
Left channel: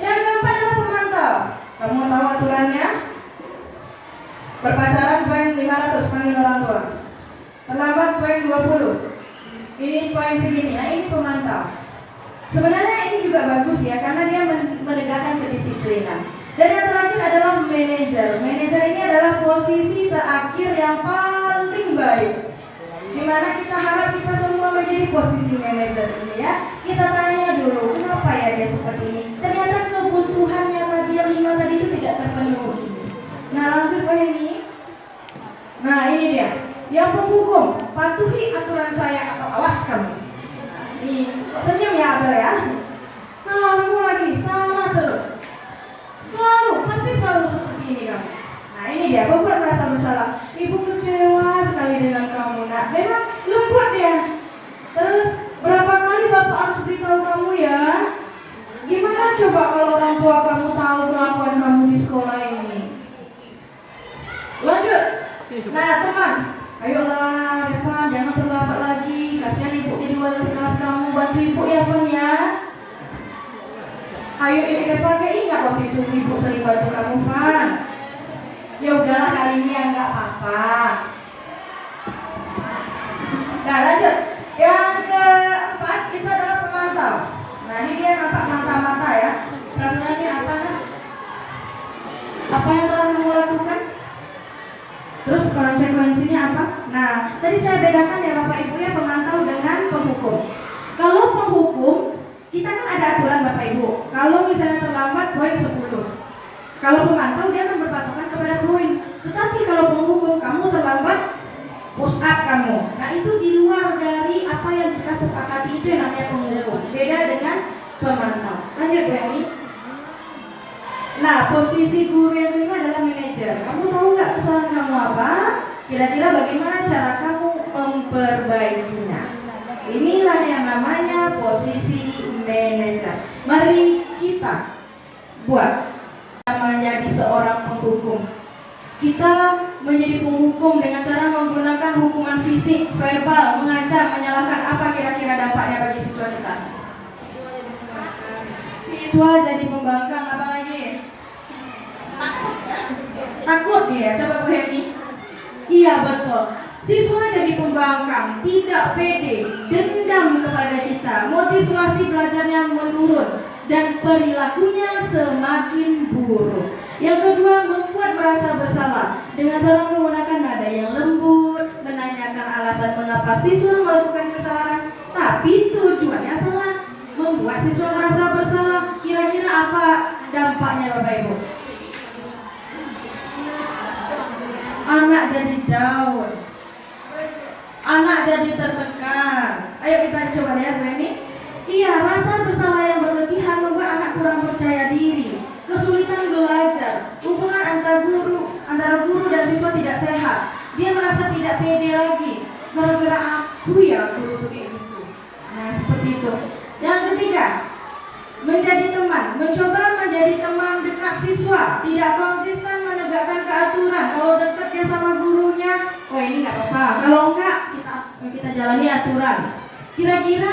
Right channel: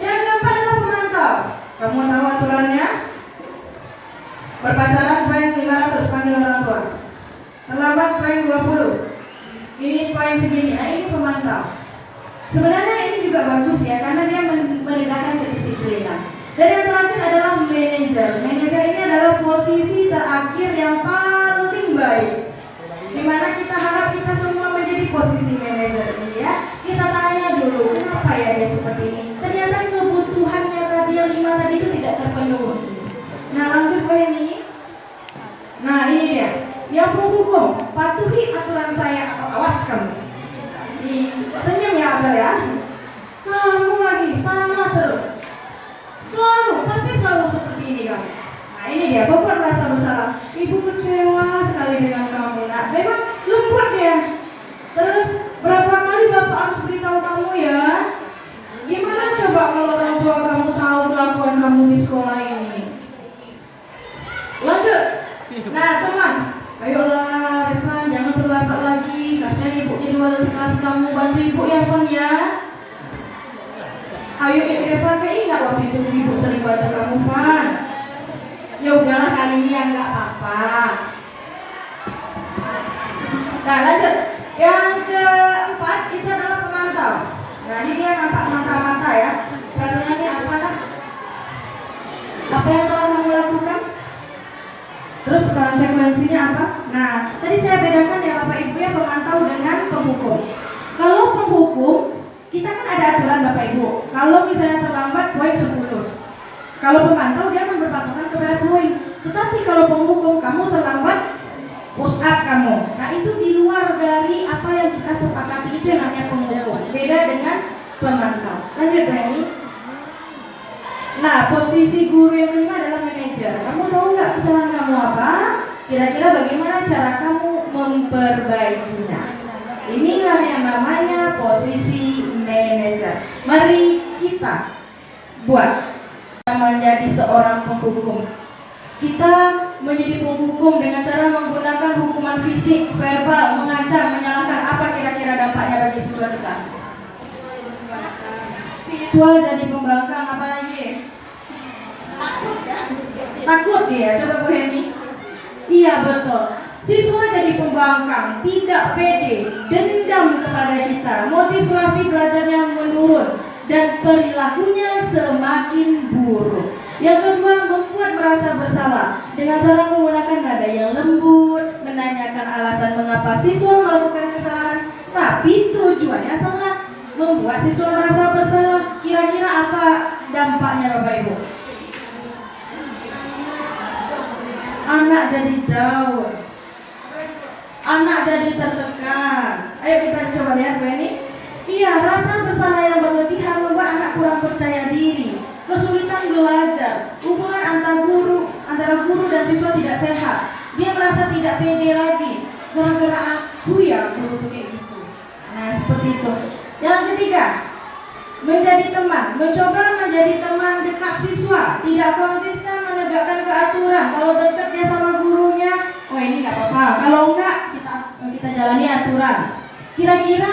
Yang keempat adalah pemantau. Kamu tahu aturannya? Berpacaran poin 500 panggil orang tua. Terlambat poin 20. Ini poin segini. Nah ini pemantau. Sebenarnya ini juga bagus ya, karena dia menegakkan kedisiplinan. Dan yang terakhir adalah manajer. Manajer ini adalah posisi terakhir yang paling baik, dimana kita harap kita semua menjadi posisi manajer ini ya. saya atau awas kamu. Senyum ya Abel ya. Kamu lagi salah terus. Selalu, pasti selalu seperti ini kamu. Nah ini dia, membuat merasa bersalah. Ibu kecewa sekali dengan kamu. Nah memang lembut dia. Terus berapa kali bapak harus beritahu kamu ya? Gimana coba kalau orang tua kamu tahu kelakuan kamu di sekolah ini? Lanjut. Nah teman, ayolah Revan, jangan terlambat lagi. Kasihan ibu jadi wali kelas kamu, bantu ibu ya Van ya. Ayo Revan, kayak ingat waktu itu ibu sering bantu kamu Van. Ya udahlah kali ini ya nggak apa-apa. Nah lanjut. Yang keempat itu adalah pemantau. Nah ini dia nampak mata-mata ya. Pertanyaannya apa kan? Apa yang telah kamu lakukan? Terus konsekuensinya apa? Nah tadi saya bedakan ya Bapak Ibu ya, pemantau dengan penghukum. Kalau penghukum kita kan ada aturan Bapak Ibu. Kalau misalnya terlambat poin 10. Kalau pemantau dia akan berpatokan kepada poin. Tetapi kalau penghukum kamu terlambat push up kamu. Nah itu di luar dari apa yang kita sepakati, itu yang namanya penghukum. Beda dengan pemantau. Lanjut ya ini. Nah posisi guru yang kelima adalah manajer. Kamu tahu nggak kesalahan kamu apa? Kira-kira bagaimana cara kamu memperbaikinya? Inilah yang namanya posisi manajer. Mari kita buat menjadi seorang penghukum. Kita menjadi penghukum dengan cara menggunakan hukuman fisik, verbal, mengancam, menyalahkan. Apa kira-kira dampaknya bagi siswa kita? Siswa jadi pembangkang, apalagi? Takut dia, coba Bu Heni. Iya betul. Siswa jadi pembangkang, tidak pede, dendam kepada kita, motivasi belajarnya menurun, dan perilakunya semakin buruk. Yang kedua, membuat merasa bersalah dengan cara menggunakan nada yang lembut, menanyakan alasan mengapa siswa melakukan kesalahan, tapi tujuannya salah, membuat siswa merasa bersalah. Kira-kira apa dampaknya Bapak Ibu? Anak jadi down, anak jadi tertekan. Ayo kita coba lihat Bu ini. Iya, rasa bersalah yang berlebihan membuat anak kurang percaya diri, kesulitan belajar, hubungan antara guru dan siswa tidak sehat. Dia merasa tidak pede lagi, gara-gara aku ya guru tuh kayak gitu. Nah seperti itu. Yang ketiga, menjadi teman, mencoba menjadi teman dekat siswa, tidak konsisten menegakkan keaturan. Kalau dekat dia sama gurunya, oh ini nggak apa-apa. Kalau enggak, kita jalani aturan. Kira-kira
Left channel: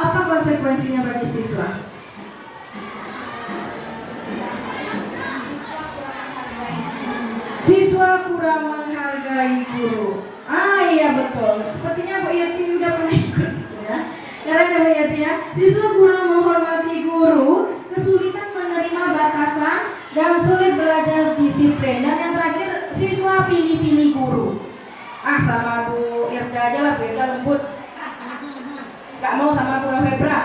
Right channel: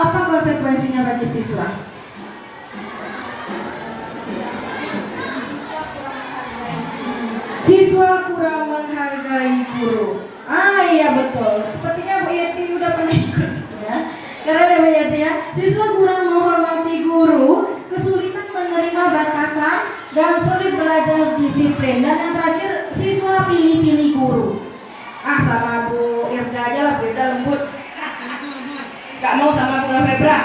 apa konsekuensinya bagi siswa? Siswa kurang menghargai guru. Ah iya betul. Sepertinya Mbak Yati udah pernah ikut ya. Karena Mbak Yati ya, siswa kurang menghormati guru, kesulitan menerima batasan, dan sulit belajar disiplin. Dan yang terakhir, siswa pilih-pilih guru. Ah sama Bu Irda aja lah, Bu Irda lembut. Gak mau sama Bu Febra.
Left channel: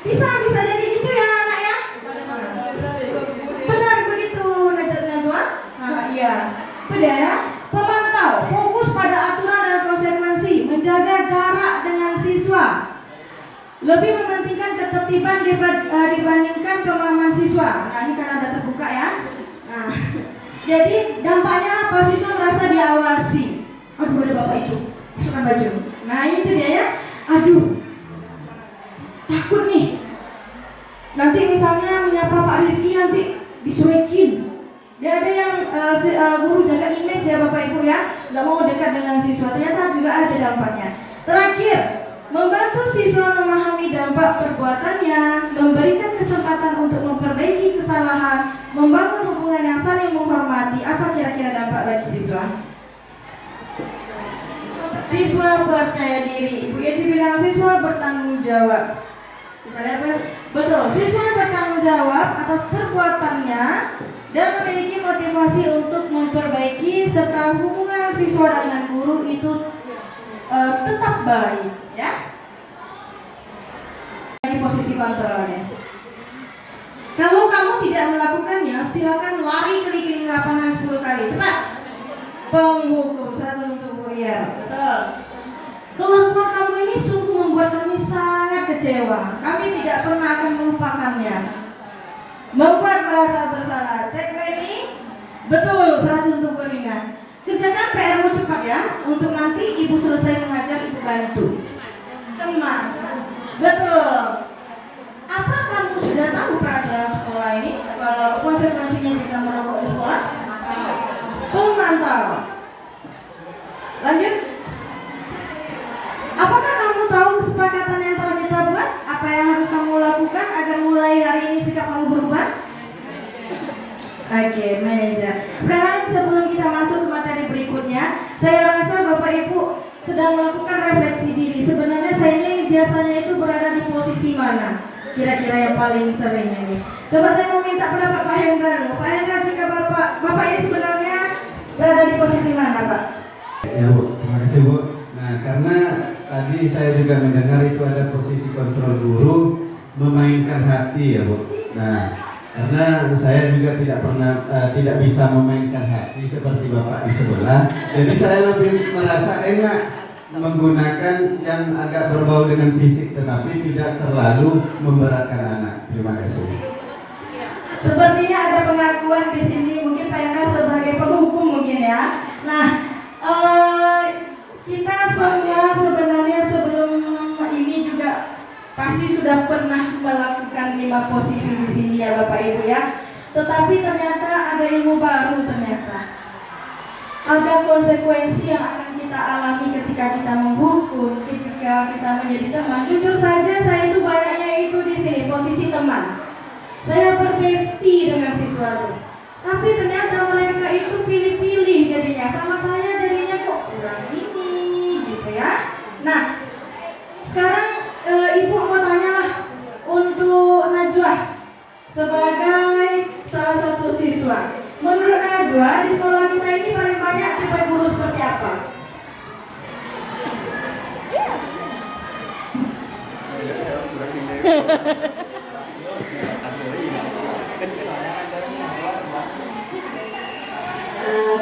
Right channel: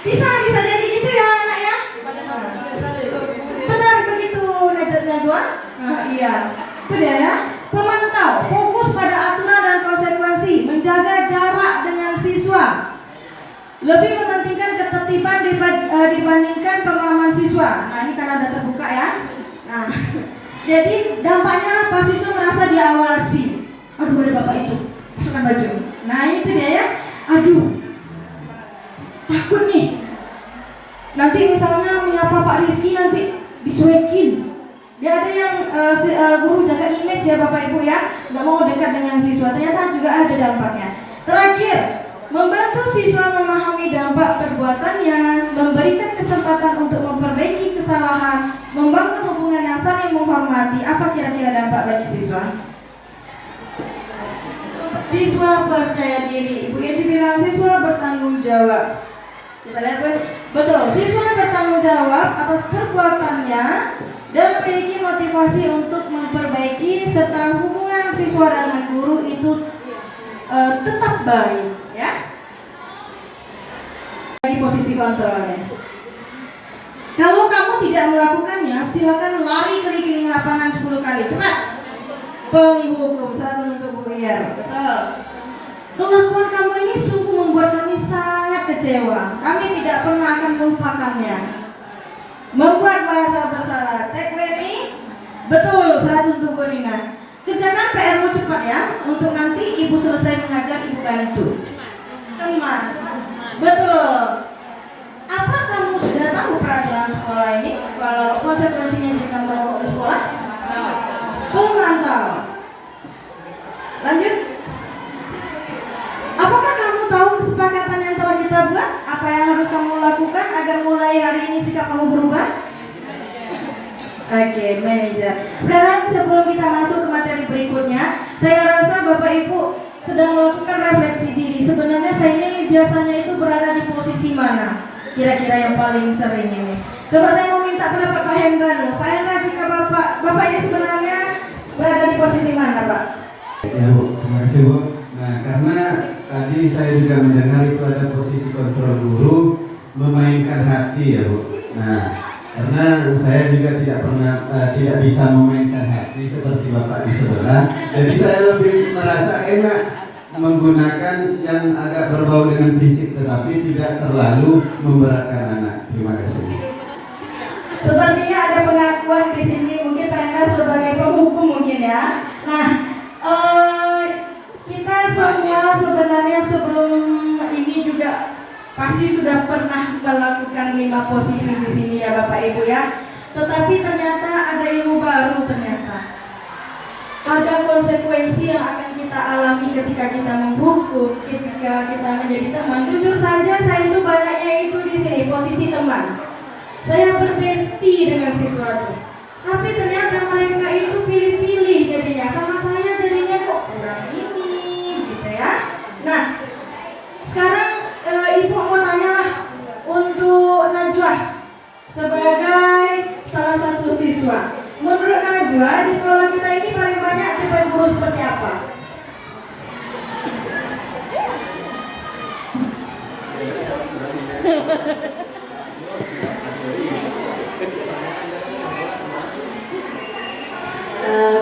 Bisa jadi gitu ya anak ya. Benar begitu Najwa. Iya. Itu dia ya. Pemantau, fokus pada aturan dan konsekuensi, menjaga jarak dengan siswa, lebih mementingkan ketertiban dibandingkan pemahaman siswa. Nah ini karena ada terbuka ya. Nah, jadi dampaknya apa? Siswa merasa diawasi. Aduh ada bapak itu, masukkan baju. Nah itu dia ya. Aduh, takut nih. Nanti misalnya menyapa Pak Rizky nanti dicuekin. Ya ada yang guru jaga image ya Bapak Ibu ya, nggak mau dekat dengan siswa. Ternyata juga ada dampaknya. Terakhir, membantu siswa memahami dampak perbuatannya, memberikan kesempatan untuk memperbaiki kesalahan, membangun hubungan yang saling menghormati. Apa kira-kira dampak bagi siswa? Siswa percaya diri. Ibu Yati bilang siswa bertanggung jawab. Kita lihat betul. Siswa bertanggung jawab atas perbuatannya dan memiliki motivasi untuk memperbaiki, serta hubungan siswa dengan guru itu tetap baik ya. Di posisi kontrolnya. Kalau kamu tidak melakukannya, silakan lari keliling lapangan 10 kali. Cepat. penghukum. 100 untuk Bu Iyar. Betul. Kelakuan kamu ini sungguh membuat kami sangat kecewa. Kami tidak pernah akan melupakannya. Membuat merasa bersalah. Cek Lenny. Betul, 100 untuk Bu Rina. Kerjakan PR-mu cepat ya, untuk nanti ibu selesai mengajar ibu bantu. Teman. Betul. Apa kamu sudah tahu peraturan sekolah ini? Kalau konsekuensinya jika merokok di sekolah? Pemantau. Lanjut. Apakah kamu tahu kesepakatan yang telah kita buat? Apa yang harus kamu lakukan agar mulai hari ini sikap kamu berubah? Oke, manajer. Sekarang sebelum kita masuk ke materi berikutnya, saya rasa Bapak Ibu sedang melakukan refleksi diri. Sebenarnya saya ini biasanya itu berada di posisi mana? Kira-kira yang paling sering ini. Coba saya mau minta pendapat Pak Hendra dulu. Pak Hendra, jika Bapak ini sebenarnya berada di posisi mana, Pak? Ya Bu, terima kasih Bu. Nah, karena tadi saya juga mendengar itu ada posisi kontrol guru memainkan hati ya Bu. Nah, karena saya juga tidak bisa memainkan hati seperti Bapak di sebelah. Jadi saya lebih merasa enak menggunakan yang agak berbau dengan fisik tetapi tidak terlalu memberatkan anak. Terima kasih. Sepertinya ada pengakuan di sini, mungkin Pak Hendra sebagai penghukum mungkin ya. Nah, kita semua sebenarnya sebelum ini juga pasti sudah pernah melakukan 5 posisi di sini ya Bapak Ibu ya. Tetapi ternyata ada ilmu baru ternyata. Ada konsekuensi yang akan kita alami ketika kita menghukum, ketika kita menjadi teman. Jujur saja saya itu banyaknya itu di sini posisi teman. Saya berbesti dengan siswa itu. Tapi ternyata mereka itu pilih-pilih jadinya. Sama saya jadinya kok ini gitu ya. Nah, sekarang Ibu mau tanya untuk Najwa sebagai salah satu siswa. Menurut Najwa di sekolah kita ini paling banyak akibat guru seperti apa?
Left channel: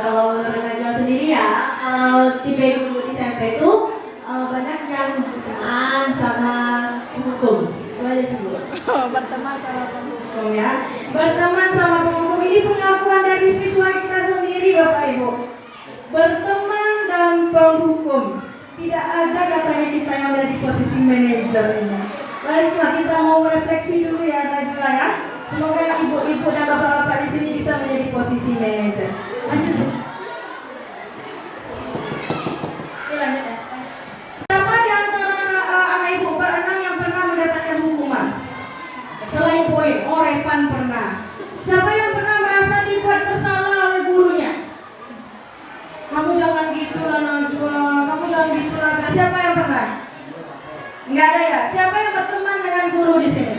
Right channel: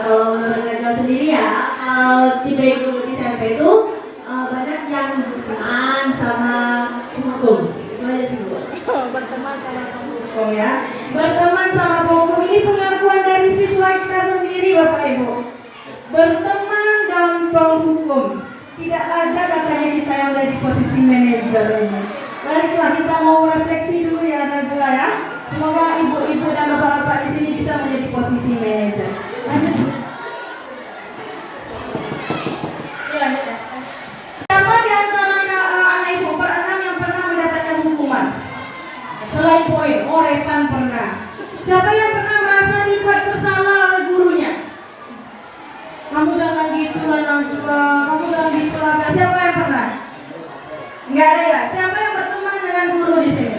Kalau menurut Najwa sendiri ya, kalau di guru di SMP itu banyak yang berteman sama hukum. Itu aja sih Bu. Berteman sama penghukum ya. Berteman sama penghukum ini pengakuan dari siswa kita sendiri Bapak Ibu. Berteman dan penghukum. Tidak ada katanya kita yang ada di posisi manajer ini. Baiklah, kita mau merefleksi dulu ya Najwa ya. Semoga ibu-ibu dan bapak-bapak di sini bisa menjadi posisi manajer. Lanjut. Ini lanjut ya. Siapa di antara anak ibu berenam yang pernah mendapatkan hukuman? Selain poin, Repan pernah. Siapa yang pernah merasa dibuat bersalah oleh gurunya? Kamu jangan gitu lah Najwa, kamu jangan gitu lah. Siapa yang pernah? Enggak ada ya? Siapa yang berteman dengan guru di sini?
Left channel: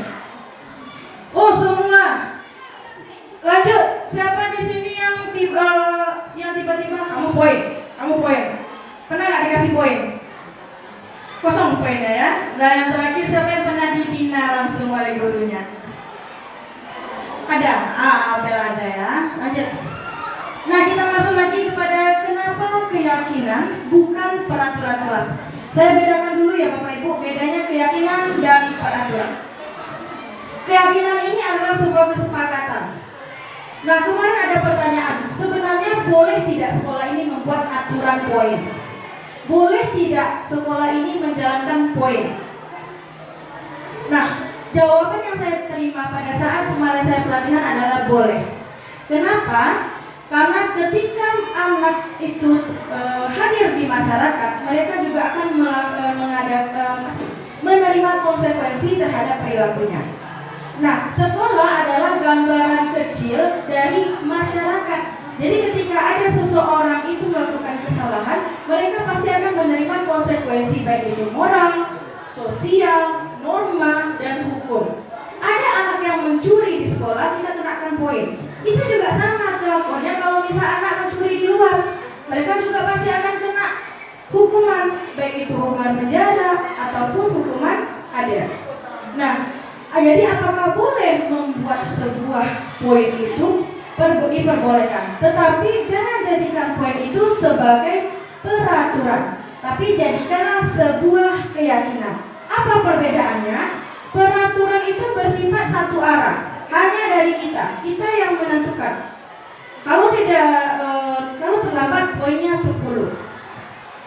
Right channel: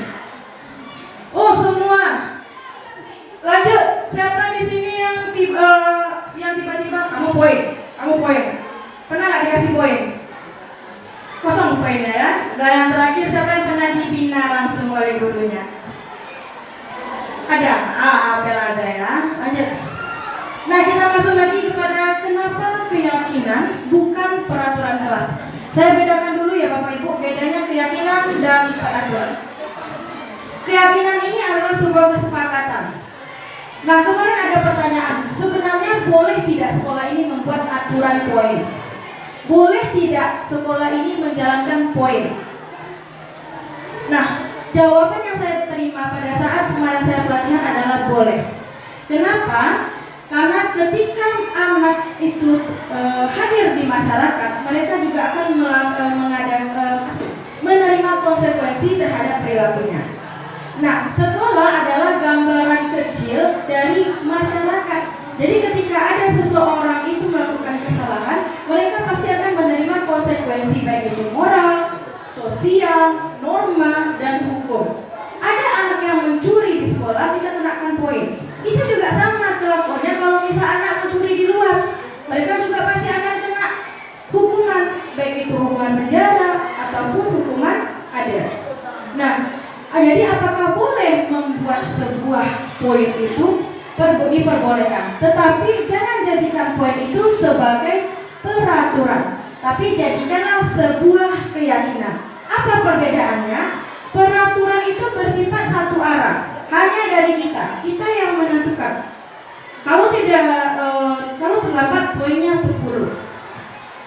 Oh semua. Lanjut. Siapa di sini yang tiba-tiba kamu poin? Pernah nggak dikasih poin? Kosong poinnya ya. Dan yang terakhir siapa yang pernah dibina langsung oleh gurunya? Ada. Ada ya. Lanjut. Nah kita masuk lagi kepada kenapa keyakinan bukan peraturan kelas. Saya bedakan dulu ya Bapak Ibu, bedanya keyakinan dan peraturan. Keyakinan ini adalah sebuah kesepakatan. Nah kemarin ada pertanyaan, sebenarnya boleh tidak sekolah ini membuat aturan poin? Boleh tidak sekolah ini menjalankan poin? Nah jawaban yang saya terima pada saat semasa saya pelatihan adalah boleh. Kenapa? Karena ketika anak itu hadir di masyarakat, mereka juga akan menerima konsekuensi terhadap perilakunya. Nah, sekolah adalah gambaran kecil dari masyarakat. Jadi ketika ada seseorang itu melakukan kesalahan, mereka pasti akan menerima konsekuensi baik itu moral, sosial, norma, dan hukum. Ada anak yang mencuri di sekolah, kita kenakan poin. Itu juga sama kelakuannya kalau misal anak mencuri di luar, mereka juga pasti akan kena hukuman, baik itu hukuman penjara ataupun hukuman adat. Nah, jadi apakah boleh membuat sebuah poin itu? diperbolehkan. Tetapi jangan jadikan poin itu sebagai peraturan, tapi jadikanlah sebuah keyakinan. Apa perbedaannya? Peraturan itu bersifat satu arah, hanya dari kita yang menentukan. Kalau terlambat poinnya 10.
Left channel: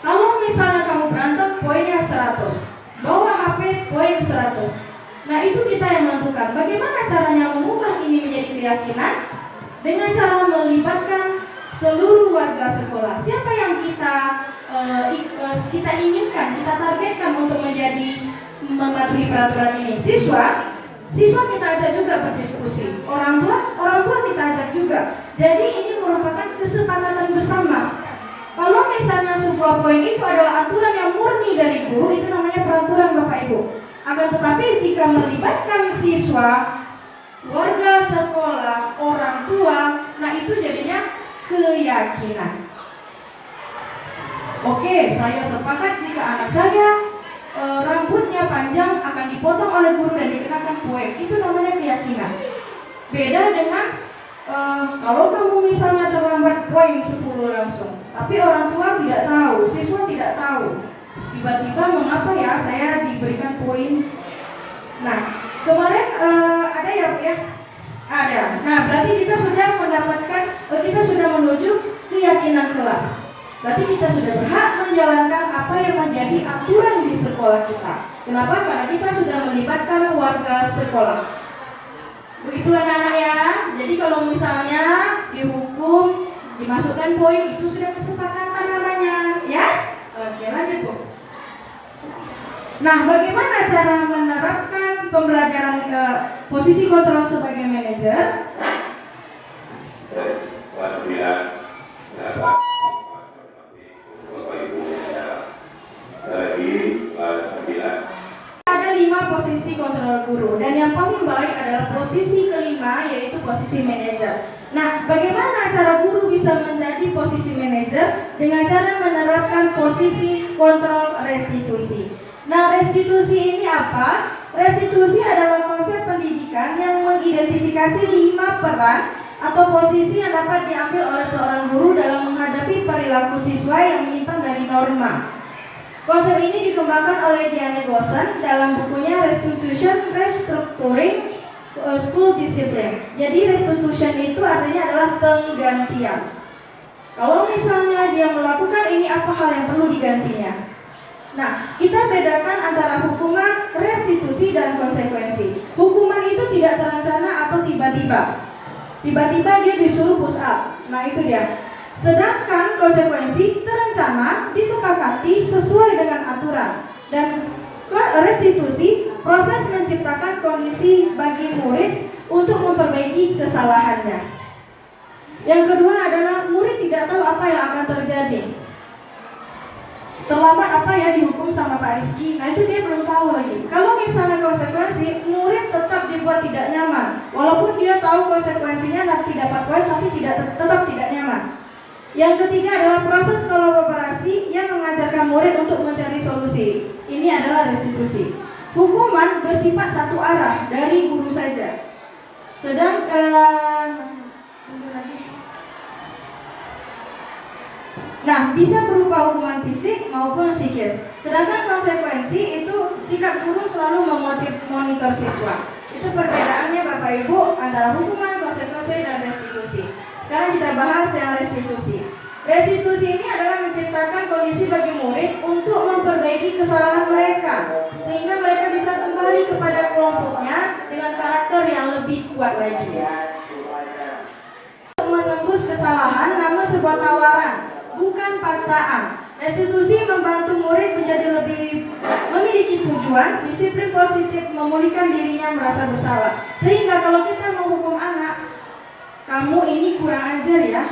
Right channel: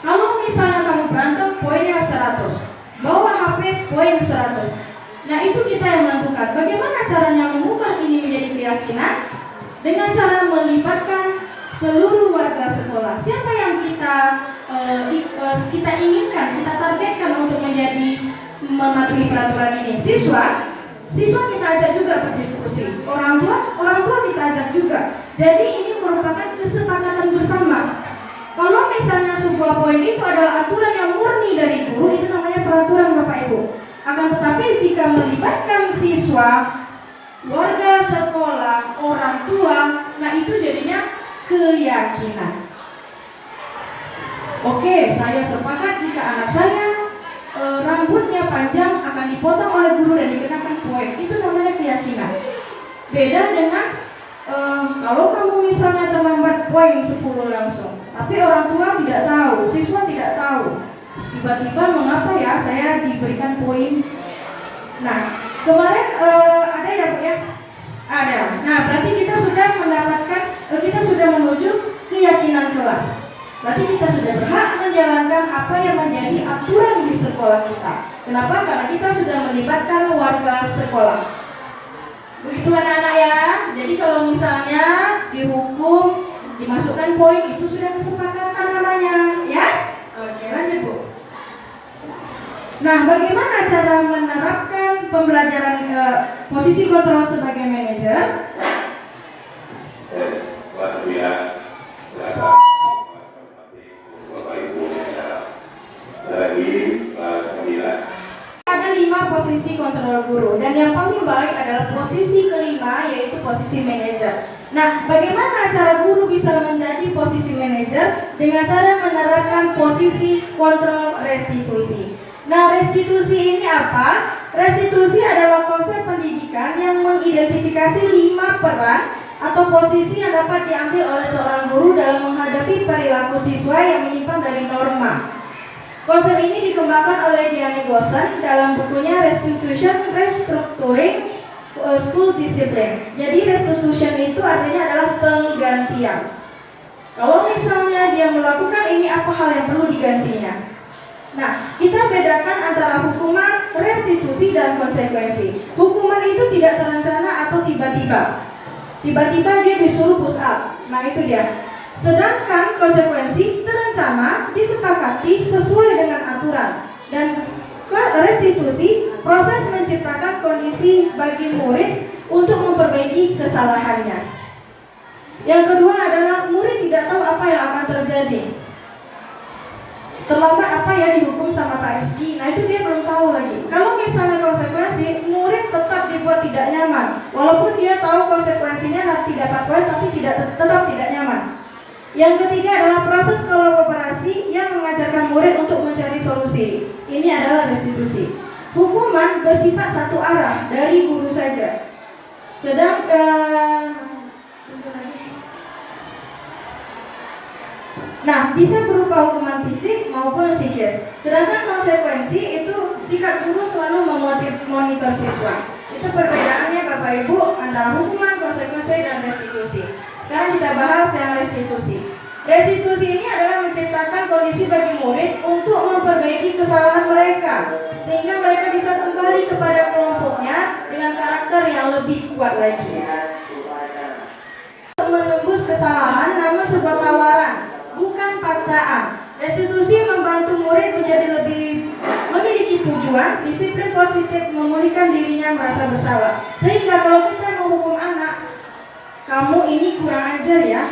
Kalau misalnya kamu berantem poinnya 100. Bawa HP poin 100. Nah, itu kita yang menentukan. Bagaimana caranya mengubah ini menjadi keyakinan? Dengan cara melibatkan seluruh warga sekolah. Siapa yang kita inginkan, kita targetkan untuk mematuhi peraturan ini? Siswa kita ajak juga berdiskusi. Orang tua kita ajak juga. Jadi ini merupakan kesepakatan bersama. Kalau misalnya sebuah poin itu adalah aturan yang murni dari guru, itu namanya peraturan Bapak Ibu. Akan tetapi jika melibatkan siswa, warga sekolah, orang tua, nah itu jadinya keyakinan. Oke, saya sepakat jika anak saya rambutnya panjang akan dipotong oleh guru dan dikenakan poin. Itu namanya keyakinan. Beda dengan kalau kamu misalnya terlambat poin 10 langsung, tapi orang tua tidak tahu, siswa tidak tahu. Tiba-tiba mengapa ya saya diberikan poin. Nah, kemarin ada ya Bu ya? Ada. Nah, berarti kita sudah menuju keyakinan kelas. Berarti kita sudah berhak menjalankan apa yang menjadi aturan di sekolah kita. Kenapa? Karena kita sudah melibatkan warga sekolah. Begitu anak-anak ya. Jadi kalau misalnya dihukum, dimasukkan poin, itu sudah kesepakatan namanya, ya? Oke, lanjut Bu. Nah, bagaimana cara menerapkan pembelajaran posisi kontrol sebagai manajer? Kelas 9 ada 5 posisi kontrol guru dan yang paling baik adalah posisi kelima, yaitu posisi manajer. Nah, bagaimana cara guru bisa menjadi posisi manajer? Dengan cara menerapkan posisi kontrol restitusi. Nah, restitusi ini apa? Restitusi adalah konsep pendidikan yang mengidentifikasi 5 peran atau posisi yang dapat diambil oleh seorang guru dalam menghadapi perilaku siswa yang menyimpang dari norma. Konsep ini dikembangkan oleh Diane Gosson dalam bukunya Restitution Restructuring School Discipline. Jadi restitution itu artinya adalah penggantian. Kalau misalnya dia melakukan ini, apa hal yang perlu digantinya? Nah, kita bedakan antara hukuman, restitusi, dan konsekuensi. Hukuman itu tidak terencana atau tiba-tiba. Tiba-tiba dia disuruh push up. Nah, itu dia. Sedangkan konsekuensi terencana, disepakati sesuai dengan aturan. Dan restitusi, proses menciptakan kondisi bagi murid untuk memperbaiki kesalahannya. Yang kedua adalah murid tidak tahu apa yang akan terjadi. Terlambat apa ya dihukum sama Pak Rizky, nah itu dia belum tahu lagi. Kalau misalnya konsekuensi, murid tetap dibuat tidak nyaman. Walaupun dia tahu konsekuensinya nanti dapat poin, tapi tetap tidak nyaman. Yang ketiga adalah proses kolaborasi yang mengajarkan murid untuk mencari solusi. Ini adalah restitusi. Hukuman bersifat satu arah dari guru saja. Nah, bisa berupa hukuman fisik maupun psikis. Sedangkan konsekuensi itu sikap guru selalu memonitor siswa. Itu perbedaannya Bapak Ibu antara hukuman, konsekuensi, dan restitusi. Sekarang kita bahas yang restitusi. Restitusi ini adalah menciptakan kondisi bagi murid untuk memperbaiki kesalahan mereka, sehingga mereka bisa kembali kepada kelompoknya dengan karakter yang lebih kuat lagi. Untuk menembus kesalahan namun sebuah tawaran, bukan paksaan. Restitusi membantu murid menjadi lebih memiliki tujuan, disiplin positif, memulihkan dirinya merasa bersalah. Sehingga kalau kita menghukum anak, kamu ini kurang ajar ya,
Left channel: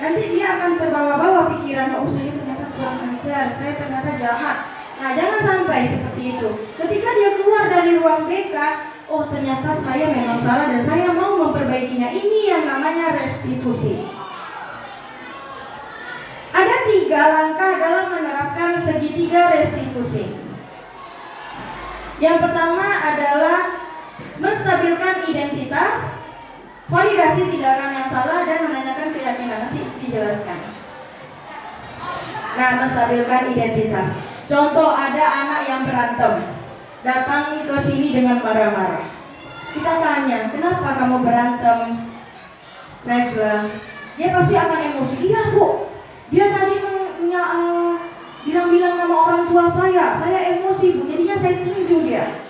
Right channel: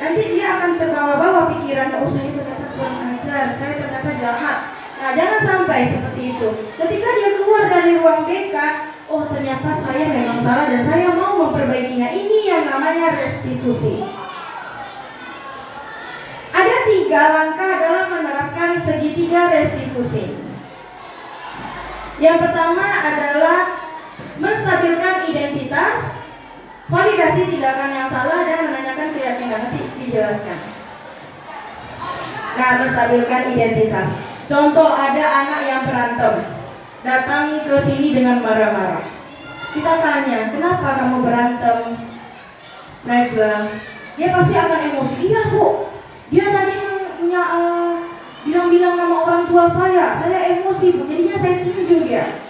nanti dia akan terbawa-bawa pikiran, oh saya ternyata kurang ajar, saya ternyata jahat. Nah, jangan sampai seperti itu. Ketika dia keluar dari ruang BK, oh ternyata saya memang salah dan saya mau memperbaikinya. Ini yang namanya restitusi. Ada 3 langkah dalam menerapkan segitiga restitusi. Yang pertama adalah menstabilkan identitas, validasi tindakan yang salah dan menanyakan keyakinan. Nanti dijelaskan. Nah, menstabilkan identitas. Contoh, ada anak yang berantem, datang ke sini dengan marah-marah. Kita tanya, kenapa kamu berantem, Najla? Dia pasti akan emosi. Iya bu, dia tadi bilang-bilang nama orang tua saya emosi bu, jadinya saya tinju dia.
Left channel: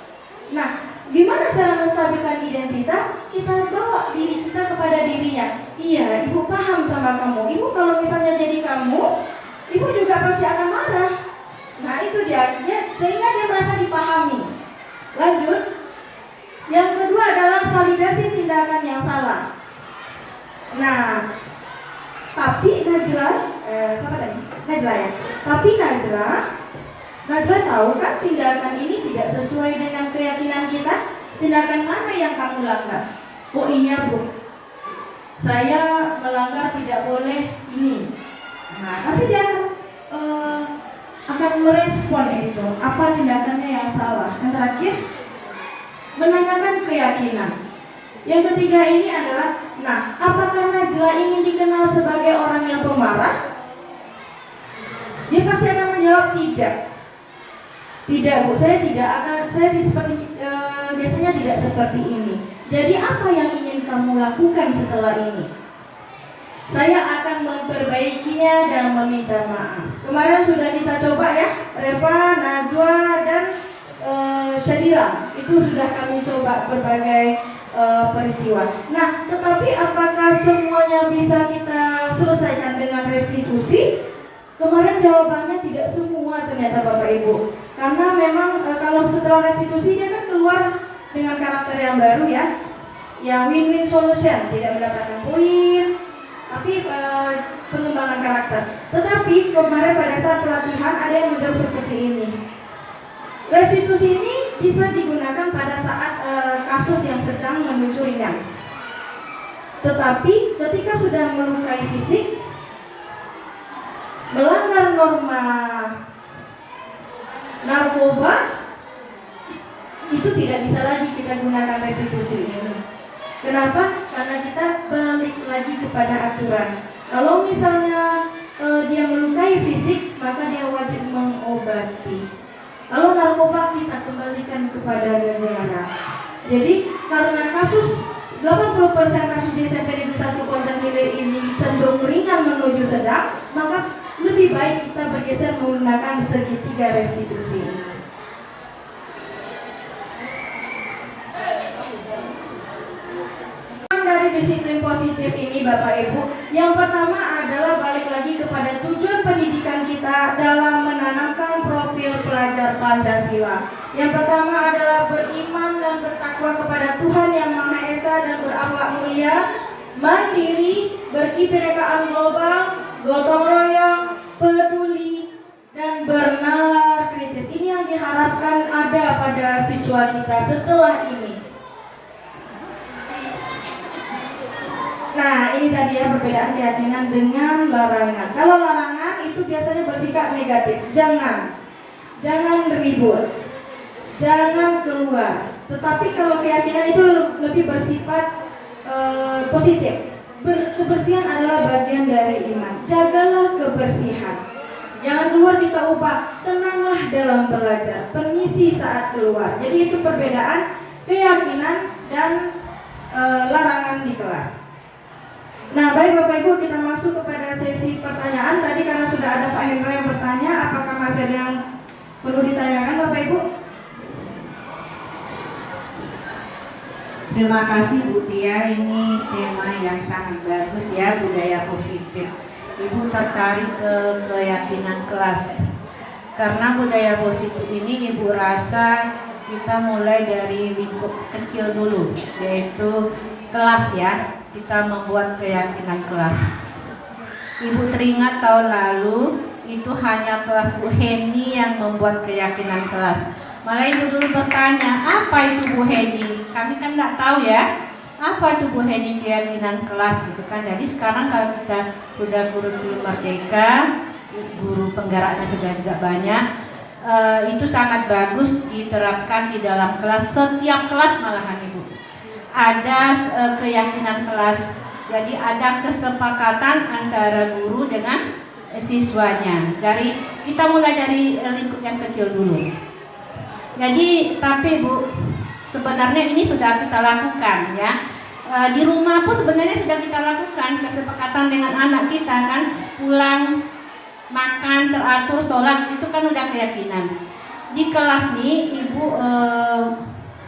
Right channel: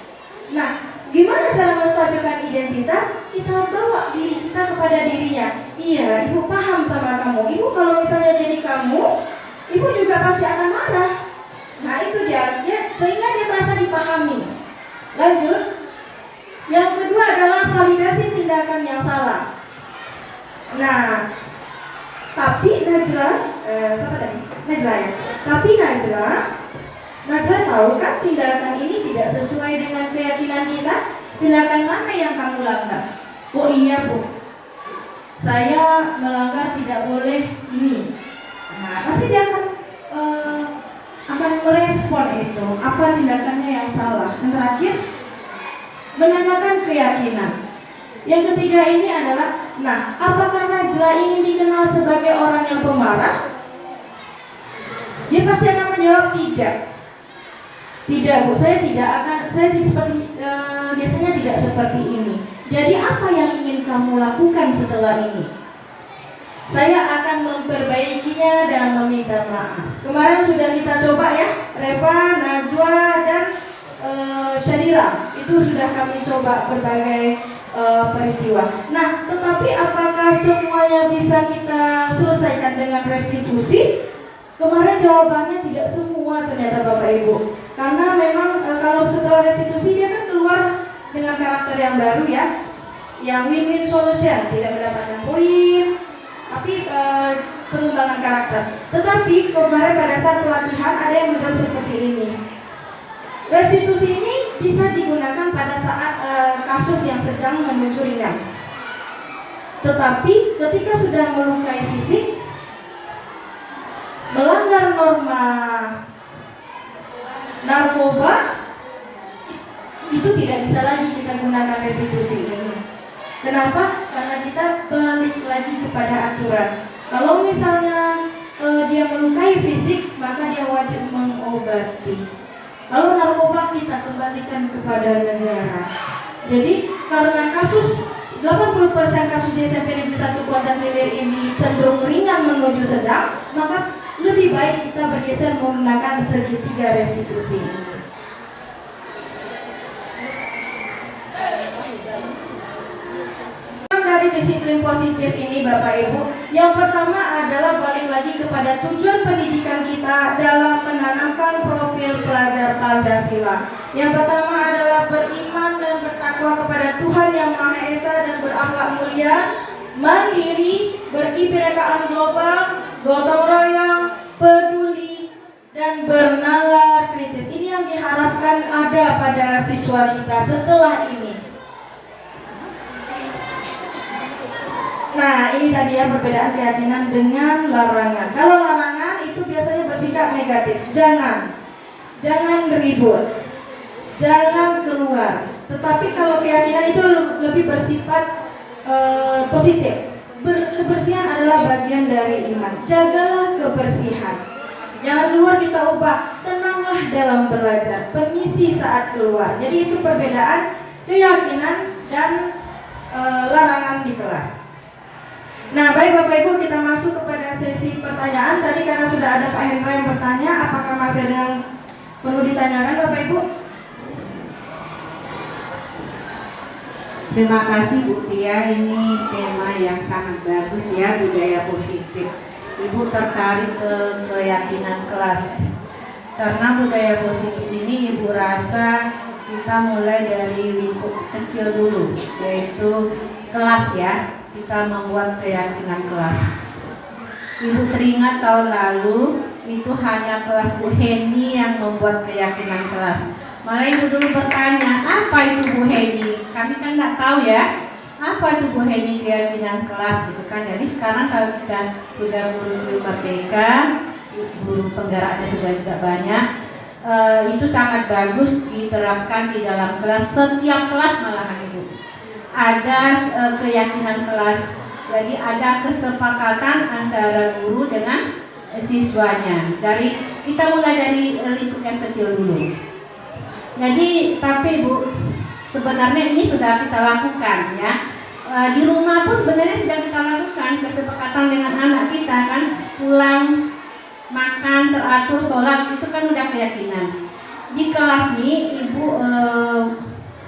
Nah, gimana cara menstabilkan identitas? Kita bawa diri kita kepada dirinya. Iya, ibu paham sama kamu. Ibu kalau misalnya jadi kamu, ibu juga pasti akan marah. Nah itu dia sehingga dia merasa dipahami. Lanjut. Yang kedua adalah validasi tindakan yang salah. Nah, tapi Najla, siapa tadi? Najla ya. Tapi Najla tahu kan tindakan ini tidak sesuai dengan keyakinan kita. Tindakan mana yang kamu langgar? Oh iya bu, saya melanggar tidak boleh ini. Nah, pasti dia akan merespon itu. Apa tindakannya yang salah? Yang terakhir, menanyakan keyakinan. Yang ketiga ini adalah, nah, apakah Najla ini dikenal sebagai orang yang pemarah? Dia pasti akan menjawab tidak. Tidak bu, saya biasanya tidak seperti ini. Jadi apa yang ingin kamu lakukan setelah ini? Saya akan memperbaikinya dan meminta maaf. Kemarin sudah kita coba ya, Reva, Najwa, dan Syadira. Itu sudah kami coba berbagai peristiwa. Nah, tetapi apakah semuanya bisa kita selesaikan dengan restitusi? Kemarin jawabannya tidak semua ternyata Bapak Ibu. Karena memang kalau setelah restitusi dia kan keluar dengan karakter yang baru ya, yang win-win solution, tidak mendapatkan poin, tapi pengembangan karakter. Tetapi kemarin pada saat pelatihan ada yang menjawab seperti ini. Restitusi ini bisa digunakan pada saat kasus yang sedang menuju ringan. Tetapi ketika sudah melukai fisik, melanggar norma narkoba, itu tidak bisa lagi kita gunakan restitusi ini. Kenapa? Karena kita balik lagi kepada aturan. Kalau misalnya dia melukai fisik, maka dia wajib mengobati. Kalau narkoba kita kembalikan kepada negara. Jadi karena kasus 80% kasus di SMP Negeri 1 Kuantan Hilir ini cenderung ringan menuju sedang, maka lebih baik kita bergeser menggunakan segitiga restitusi ini. Dari disiplin positif ini Bapak Ibu, yang pertama adalah balik lagi kepada tujuan pendidikan kita dalam menanamkan profil pelajar Pancasila. Yang pertama adalah beriman dan bertakwa kepada Tuhan Yang Maha Esa dan berakhlak mulia, mandiri, berkebinekaan global, gotong royong, peduli, dan bernalar kritis. Ini yang diharapkan ada pada siswa kita setelah ini. Nah, ini tadi ya perbedaan keyakinan dengan larangan. Kalau larangan itu biasanya bersikap negatif. Jangan ribut, jangan keluar. Tetapi kalau keyakinan itu lebih bersifat positif. Kebersihan adalah bagian dari iman. Jagalah kebersihan. Jangan keluar kita ubah. Tenanglah dalam belajar. Permisi saat keluar. Jadi itu perbedaan keyakinan dan larangan di kelas. Nah, baik Bapak Ibu, kita masuk kepada sesi pertanyaan. Tadi karena sudah ada Pak Hendra yang bertanya, apakah masih ada yang perlu ditanyakan Bapak Ibu? Terima kasih Bu Tia, ini tema yang sangat bagus ya, budaya positif. Ibu tertarik ke keyakinan kelas. Karena budaya positif ini Ibu rasa kita mulai dari lingkup kecil dulu, yaitu kelas ya. Kita membuat keyakinan kelas. Ibu teringat tahun lalu itu hanya kelas Bu Heni yang membuat keyakinan kelas. Malah ibu dulu bertanya, apa itu Bu Heni? Kami kan nggak tahu ya, apa itu Bu Heni keyakinan kelas gitu kan. Jadi sekarang kalau kita sudah guru merdeka, guru penggeraknya sudah juga banyak, itu sangat bagus diterapkan di dalam kelas, setiap kelas malahan Ibu. ada keyakinan kelas. Jadi ada kesepakatan antara guru dengan siswanya. Kita mulai dari lingkup yang kecil dulu. Jadi tapi Bu, sebenarnya ini sudah kita lakukan ya. Di rumah pun sebenarnya sudah kita lakukan kesepakatan dengan anak kita kan, pulang makan teratur, sholat itu kan udah keyakinan. Di kelas nih Ibu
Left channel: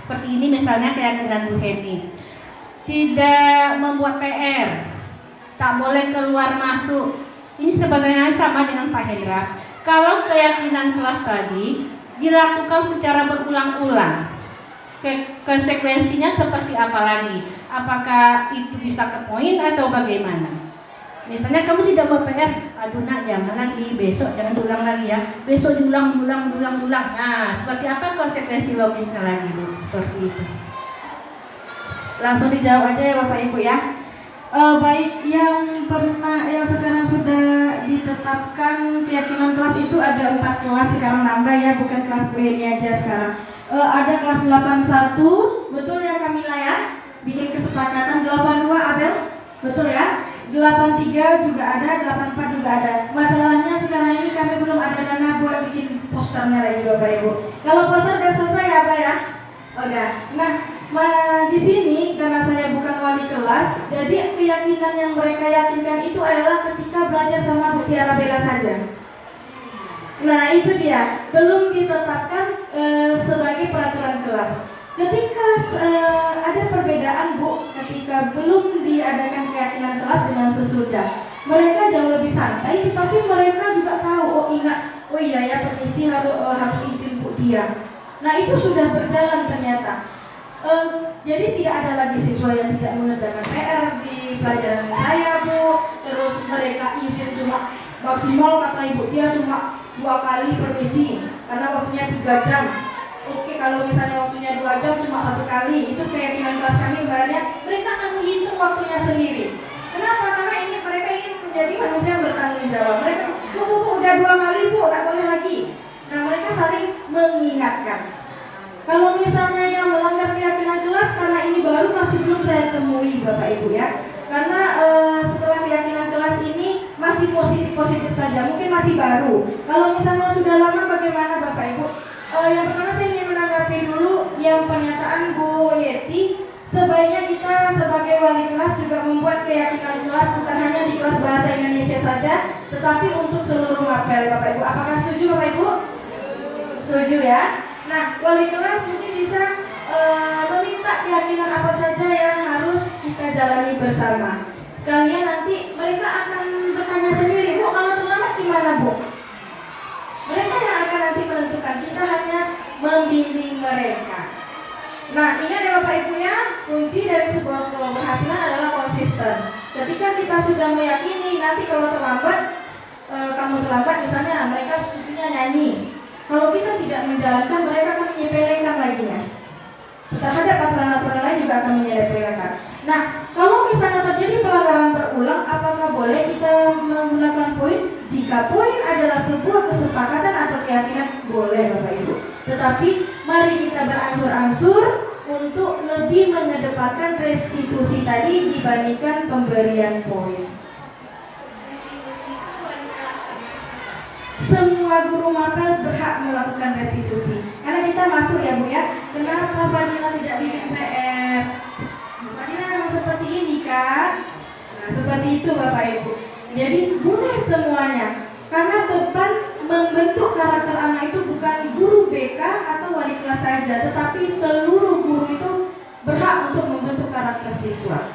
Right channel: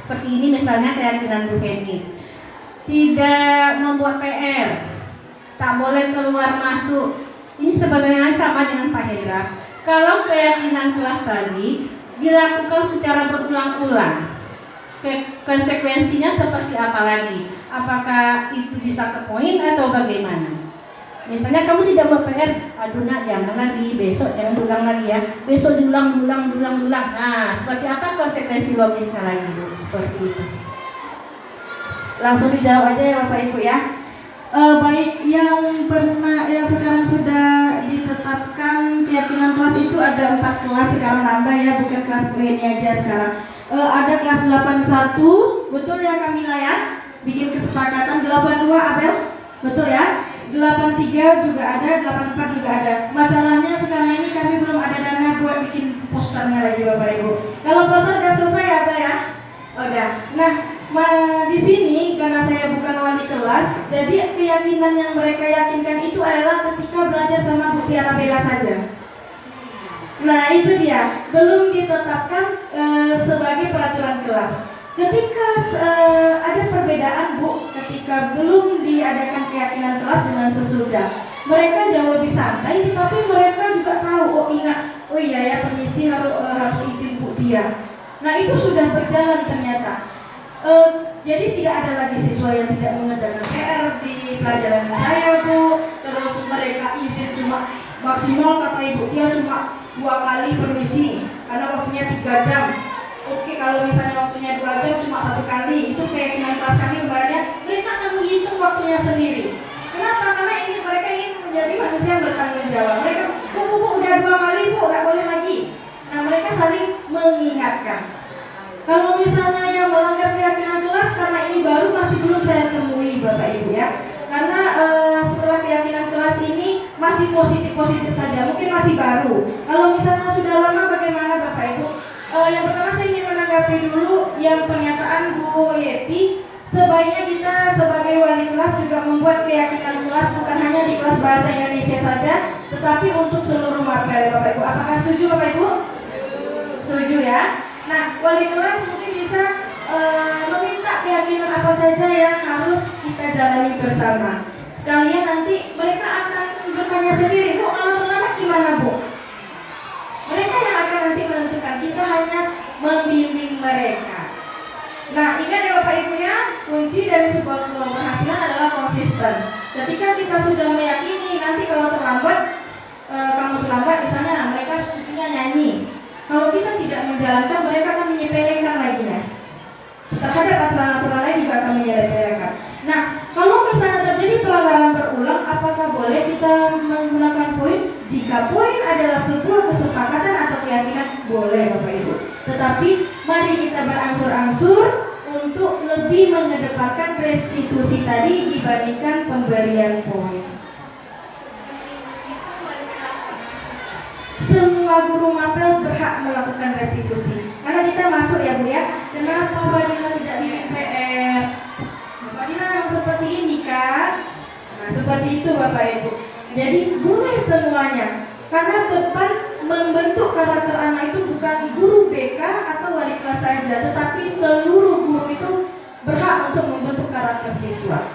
seperti ini misalnya keyakinan Bu Henny, tidak membuat PR, tak boleh keluar masuk. Ini sebenarnya sama dengan Pak Hendra. Kalau keyakinan kelas tadi dilakukan secara berulang-ulang, konsekuensinya seperti apa lagi? Apakah itu bisa ke poin atau bagaimana? Misalnya kamu tidak mau PR, aduh nak jangan lagi, besok jangan ulang lagi ya, besok diulang. Nah, seperti apa konsekuensi logisnya lagi Bu? Seperti itu. Langsung dijawab aja ya Bapak Ibu ya. Baik, yang sekarang sudah ditetapkan keyakinan kelas itu ada 4 kelas sekarang nambah ya, bukan kelas B ini aja sekarang. Ada kelas 81, betul ya Kamila ya? Bikin kesepakatan 82 Abel, betul ya? 83 juga ada, 84 juga ada. Masalahnya sekarang ini kami belum ada dana buat bikin posternya lagi Bapak Ibu. Kalau poster udah selesai ya Abel ya? Udah. Nah, di sini karena saya bukan wali kelas, jadi keyakinan yang mereka yakinkan itu adalah ketika belajar sama Bu Tiara Bella saja. Nah itu dia, belum ditetapkan sebagai peraturan kelas. Ketika ada perbedaan Bu, ketika belum diadakan keyakinan kelas dengan sesudah, mereka jauh lebih santai, tetapi mereka juga tahu, oh iya ya permisi harus izin Bu Tia. Nah itu sudah berjalan ternyata. Jadi tidak ada lagi siswa yang tidak mengerjakan PR di pelajaran saya Bu. Terus mereka izin cuma maksimal kata Ibu Tia cuma 2 kali permisi karena waktunya 3 jam. Oke, kalau misalnya waktunya 2 jam cuma 1 kali, itu keyakinan kelas kami ibaratnya mereka akan menghitung waktunya sendiri. Kenapa? Karena mereka ingin menjadi manusia yang bertanggung jawab. Mereka Bu udah 2 kali Bu, nggak boleh lagi. Nah mereka saling mengingatkan. Kalau misalnya yang melanggar keyakinan kelas, karena ini baru masih belum saya temui Bapak Ibu ya. Karena setelah keyakinan kelas ini masih positif saja, mungkin masih baru. Kalau misalnya sudah lama bagaimana Bapak Ibu? Yang pertama saya ingin menanggapi dulu yang pernyataan Bu Yeti. Sebaiknya kita sebagai wali kelas juga membuat keyakinan kelas bukan hanya di kelas bahasa Indonesia saja, tetapi untuk seluruh mapel Bapak Ibu. Apakah setuju Bapak Ibu? Setuju ya. Nah, wali kelas mungkin bisa meminta keyakinan apa saja yang harus kita jalani bersama. Sekalian nanti mereka akan bertanya sendiri, Bu, kalau terlambat gimana Bu? Mereka yang akan nanti menentukan, kita hanya membimbing mereka. Nah, ingat ya Bapak Ibu ya, kunci dari sebuah keberhasilan adalah konsisten. Ketika kita sudah meyakini, nanti kalau terlambat, kamu terlambat misalnya, mereka sepertinya nyanyi. Kalau kita tidak menjalankan, mereka akan menyepelekan lagi ya. Terhadap aturan-aturan lain juga akan menyepelekan. Nah, kalau misalnya terjadi pelanggaran berulang, apakah boleh kita menggunakan poin? Jika poin adalah sebuah kesepakatan atau keyakinan, boleh Bapak Ibu. Tetapi mari kita berangsur-angsur untuk lebih mengedepankan restitusi tadi dibandingkan pemberian poin. Semua guru mapel berhak melakukan restitusi. Karena kita masuk ya Bu ya. Kenapa Fadila tidak bikin PR? Fadila memang seperti ini kan? Nah seperti itu Bapak Ibu. Jadi boleh semuanya. Karena depan membentuk karakter anak itu bukan guru BK atau wali kelas saja, tetapi seluruh guru itu berhak untuk membentuk karakter siswa.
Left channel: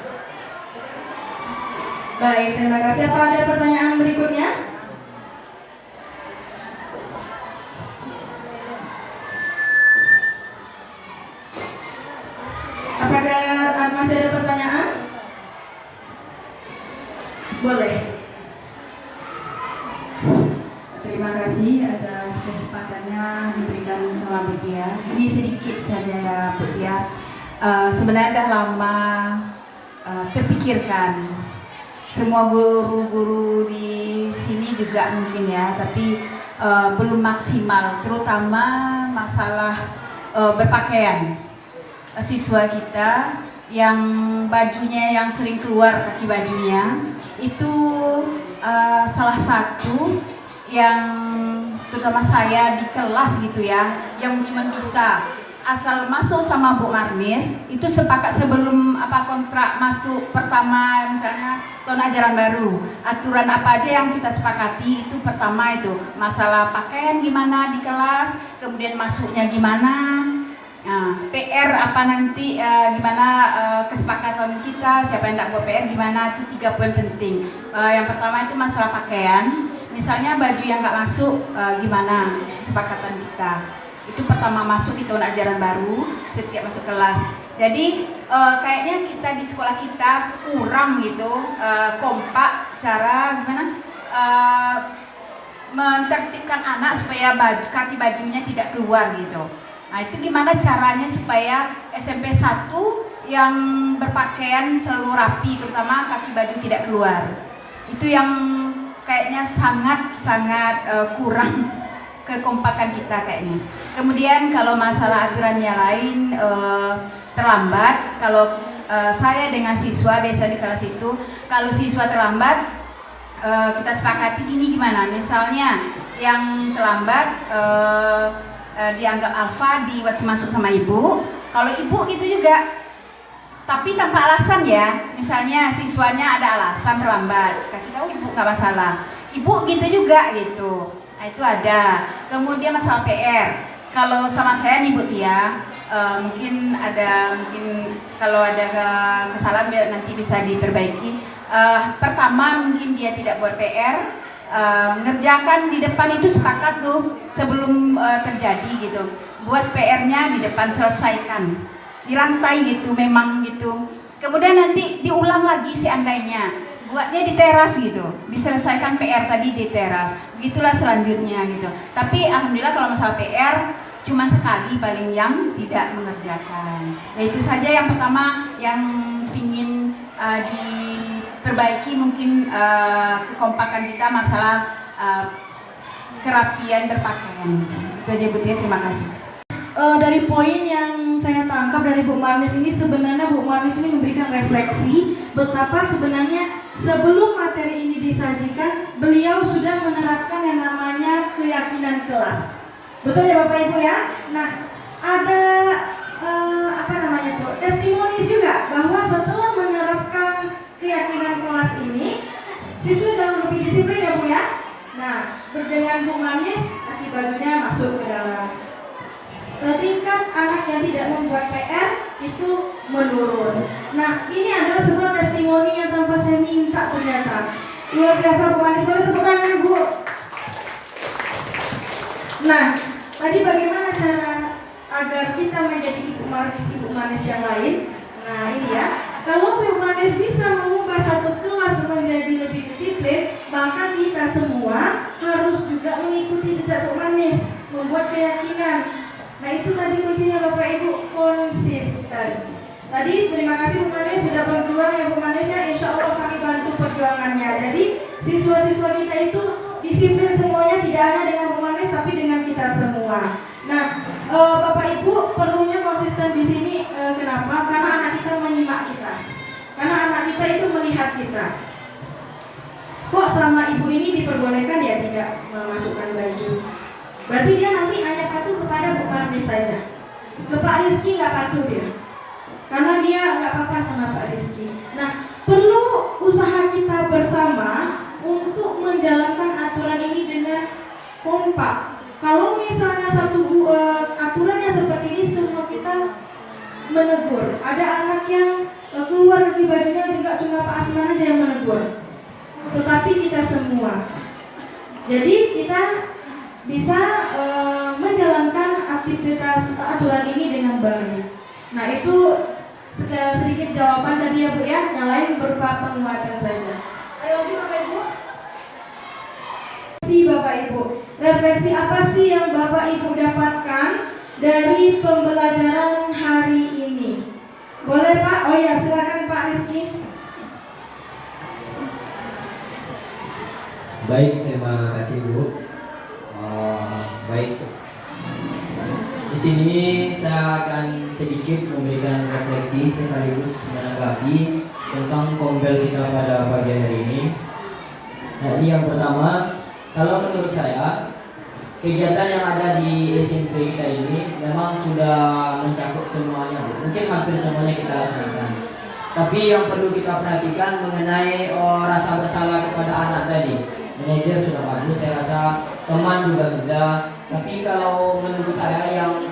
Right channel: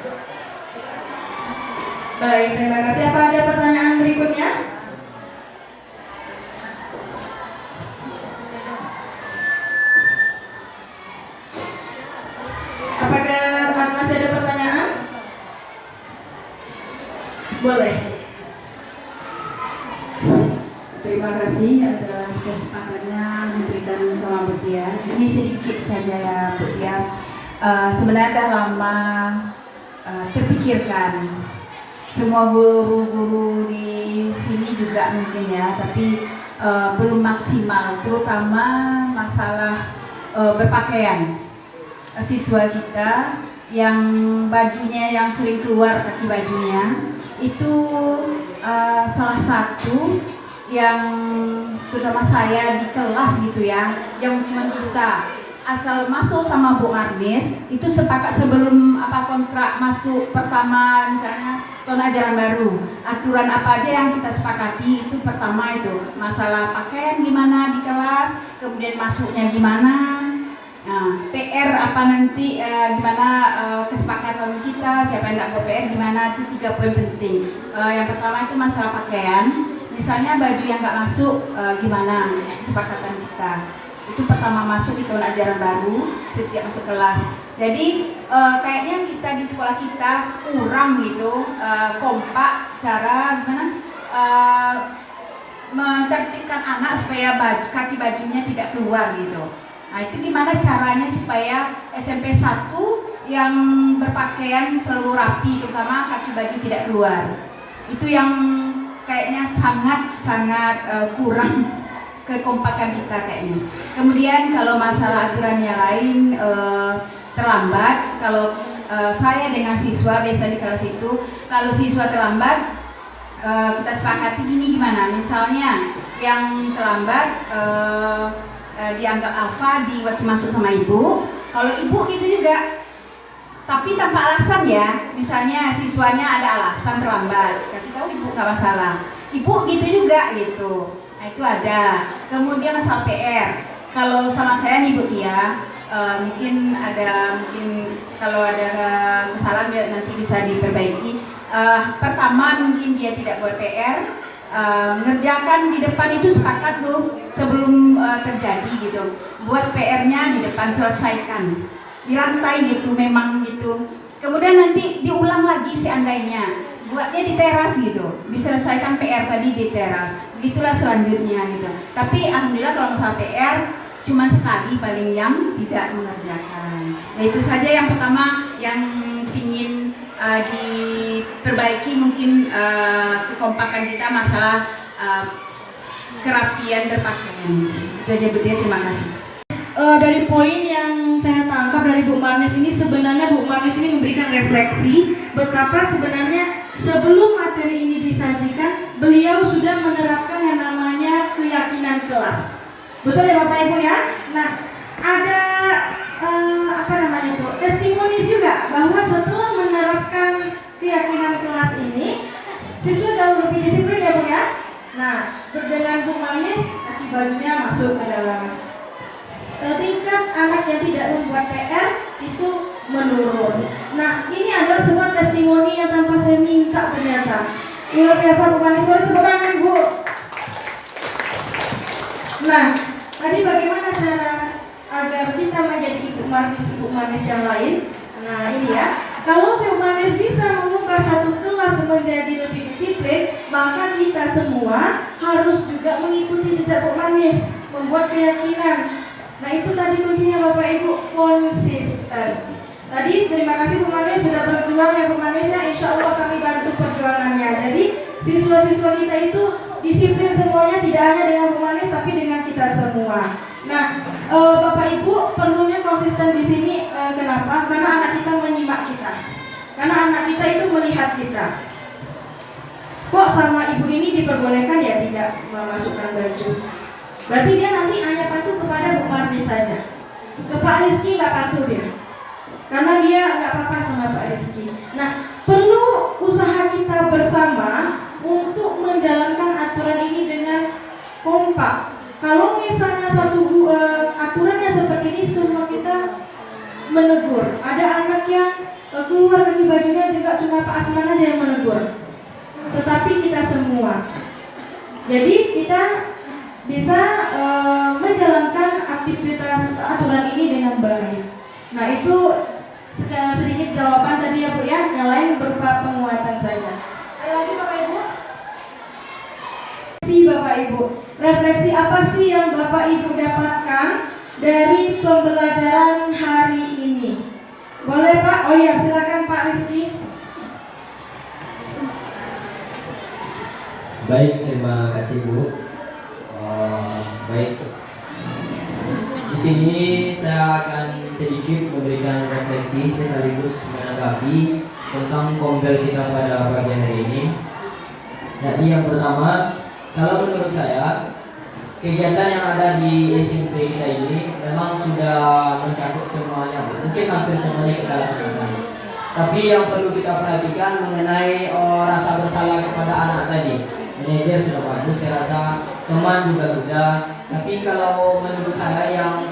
Baik, terima kasih. Apa ada pertanyaan berikutnya? Apakah masih ada pertanyaan? Boleh. Terima kasih atas kesempatannya diberikan sama Bu Tia. Ini sedikit saja ya Bu Tia. Sebenarnya dah lama terpikirkan. Semua guru-guru di sini juga mungkin ya, tapi belum maksimal, terutama masalah berpakaian. Siswa kita yang bajunya yang sering keluar kaki bajunya itu salah satu yang terutama saya di kelas gitu ya, yang cuma bisa asal masuk sama Bu Marnis itu sepakat sebelum kontrak masuk pertama, misalnya tahun ajaran baru, aturan apa aja yang kita sepakati itu pertama itu masalah pakaian gimana di kelas, kemudian masuknya gimana, PR apa nanti gimana, kesepakatan kita siapa yang tidak buat PR gimana, itu 3 poin penting. Yang pertama itu masalah pakaian, misalnya baju yang nggak masuk gimana kesepakatan kita. Itu pertama masuk di tahun ajaran baru setiap masuk kelas. Jadi kayaknya kita di sekolah kita kurang gitu kompak cara gimana mentertibkan anak supaya kaki bajunya tidak keluar gitu. Nah itu gimana caranya supaya SMP 1 yang berpakaian selalu rapi, terutama kaki baju tidak keluar. Itu yang kayaknya sangat kurang kekompakan kita kayaknya. Kemudian kalau masalah aturannya lain terlambat, kalau saya dengan siswa biasa di kelas itu, kalau siswa terlambat kita sepakati gini gimana, misalnya yang terlambat dianggap alfa di waktu masuk sama ibu, kalau ibu gitu juga tapi tanpa alasan ya, misalnya siswanya ada alasan terlambat, kasih tahu ibu nggak masalah, ibu gitu juga gitu. Nah itu ada. Kemudian masalah PR, kalau sama saya nih Bu Tia, mungkin kalau ada kesalahan nanti bisa diperbaiki. Pertama mungkin dia tidak buat PR, ngerjakan di depan itu sepakat tuh sebelum terjadi gitu, buat PR-nya di depan, selesaikan di lantai gitu, memang gitu. Kemudian nanti diulang lagi seandainya, buatnya di teras gitu, diselesaikan PR tadi di teras, begitulah selanjutnya gitu. Tapi alhamdulillah kalau masalah PR cuma sekali paling yang tidak mengerjakan. Nah itu saja yang pertama yang pingin diperbaiki, mungkin kekompakan kita masalah kerapian berpakaian. Itu aja Bu Tia, terima kasih. Dari poin yang saya tangkap dari Bu Marnis ini, sebenarnya Bu Marnis ini memberikan refleksi betapa sebenarnya sebelum materi ini disajikan, beliau sudah menerapkan yang namanya keyakinan kelas. Betul ya Bapak Ibu ya? Nah, ada testimoni juga bahwa setelah menerapkan keyakinan kelas ini, siswa jauh lebih disiplin ya Bu ya? Nah, dengan Bu Marnis, kaki bajunya masuk ke dalam. Tingkat anak yang tidak membuat PR itu menurun. Nah, ini adalah sebuah testimoni yang tanpa saya minta ternyata. Luar biasa Bu Marnis, boleh tepuk tangan Bu. Nah, tadi bagaimana cara agar kita menjadi ibu Marnis yang lain? Nah, ini ya. Kalau Bu Marnis bisa mengubah satu kelas menjadi lebih disiplin, maka kita semua harus juga mengikuti jejak Bu Marnis, membuat keyakinan. Nah itu tadi kuncinya Bapak Ibu, konsisten. Tadi terima kasih Bu Marnis sudah berjuang ya Bu Marnis ya, insya Allah kami bantu perjuangannya. Jadi siswa-siswa kita itu disiplin semuanya, tidak hanya dengan Bu Marnis tapi dengan kita semua. Nah Bapak Ibu perlunya konsisten di sini. Kenapa? Karena anak kita menyimak kita, karena anak kita itu melihat kita. Kok sama ibu ini diperbolehkan ya tidak memasukkan baju? Berarti dia nanti hanya patuh kepada Bu Marnis saja. Ke Pak Rizky nggak patuh dia, karena dia nggak apa-apa sama Pak Rizky. Nah, perlu usaha kita bersama untuk menjalankan aturan ini dengan kompak. Kalau misalnya aturannya seperti ini, semua kita menegur. Ada anak yang keluar dari bajunya juga cuma Pak Asman aja yang menegur, tetapi kita semua. Jadi kita bisa menjalankan aktivitas aturan ini dengan baik. Nah itu sedikit jawaban tadi ya Bu ya, yang lain berupa penguatan saja. Ayo lagi Bapak Ibu. Bapak Ibu, refleksi apa sih yang Bapak Ibu dapatkan dari pembelajaran hari ini? Boleh Pak? Oh ya, silakan Pak Rizky. Baik, terima kasih Bu. Baik, di sini saya akan sedikit memberikan refleksi sekaligus menanggapi tentang kombel kita pada pagi hari ini. Nah, ini yang pertama, kalau menurut saya kegiatan yang ada di SMP kita ini memang sudah mencakup semuanya, mungkin hampir semuanya kita laksanakan. Tapi yang perlu kita perhatikan mengenai rasa bersalah kepada anak tadi. Manajer sudah bagus, saya rasa teman juga sudah. Tapi kalau menurut saya yang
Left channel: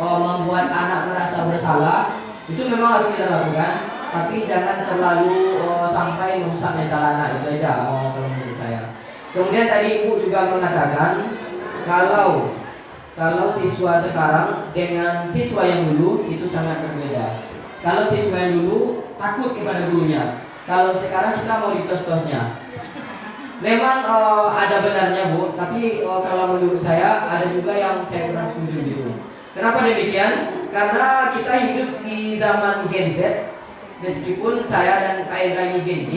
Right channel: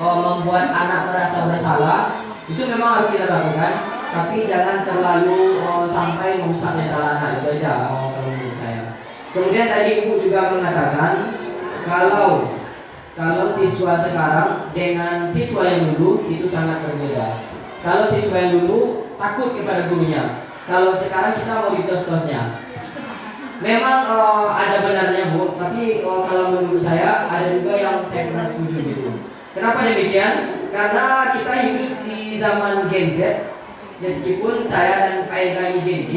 membuat anak merasa bersalah itu memang harus kita lakukan. Tapi jangan terlalu sampai merusak mental anak, itu aja kalau menurut saya. Kemudian tadi Ibu juga mengatakan kalau siswa sekarang dengan siswa yang dulu itu sangat berbeda. Kalau siswa yang dulu takut kepada gurunya, kalau sekarang kita mau ditos-tosnya. Memang ada benarnya Bu, tapi kalau menurut saya ada juga yang saya kurang setuju gitu. Kenapa demikian? Karena kita hidup di zaman Gen Z. Meskipun saya dan Pak Ibrahim Gen Z,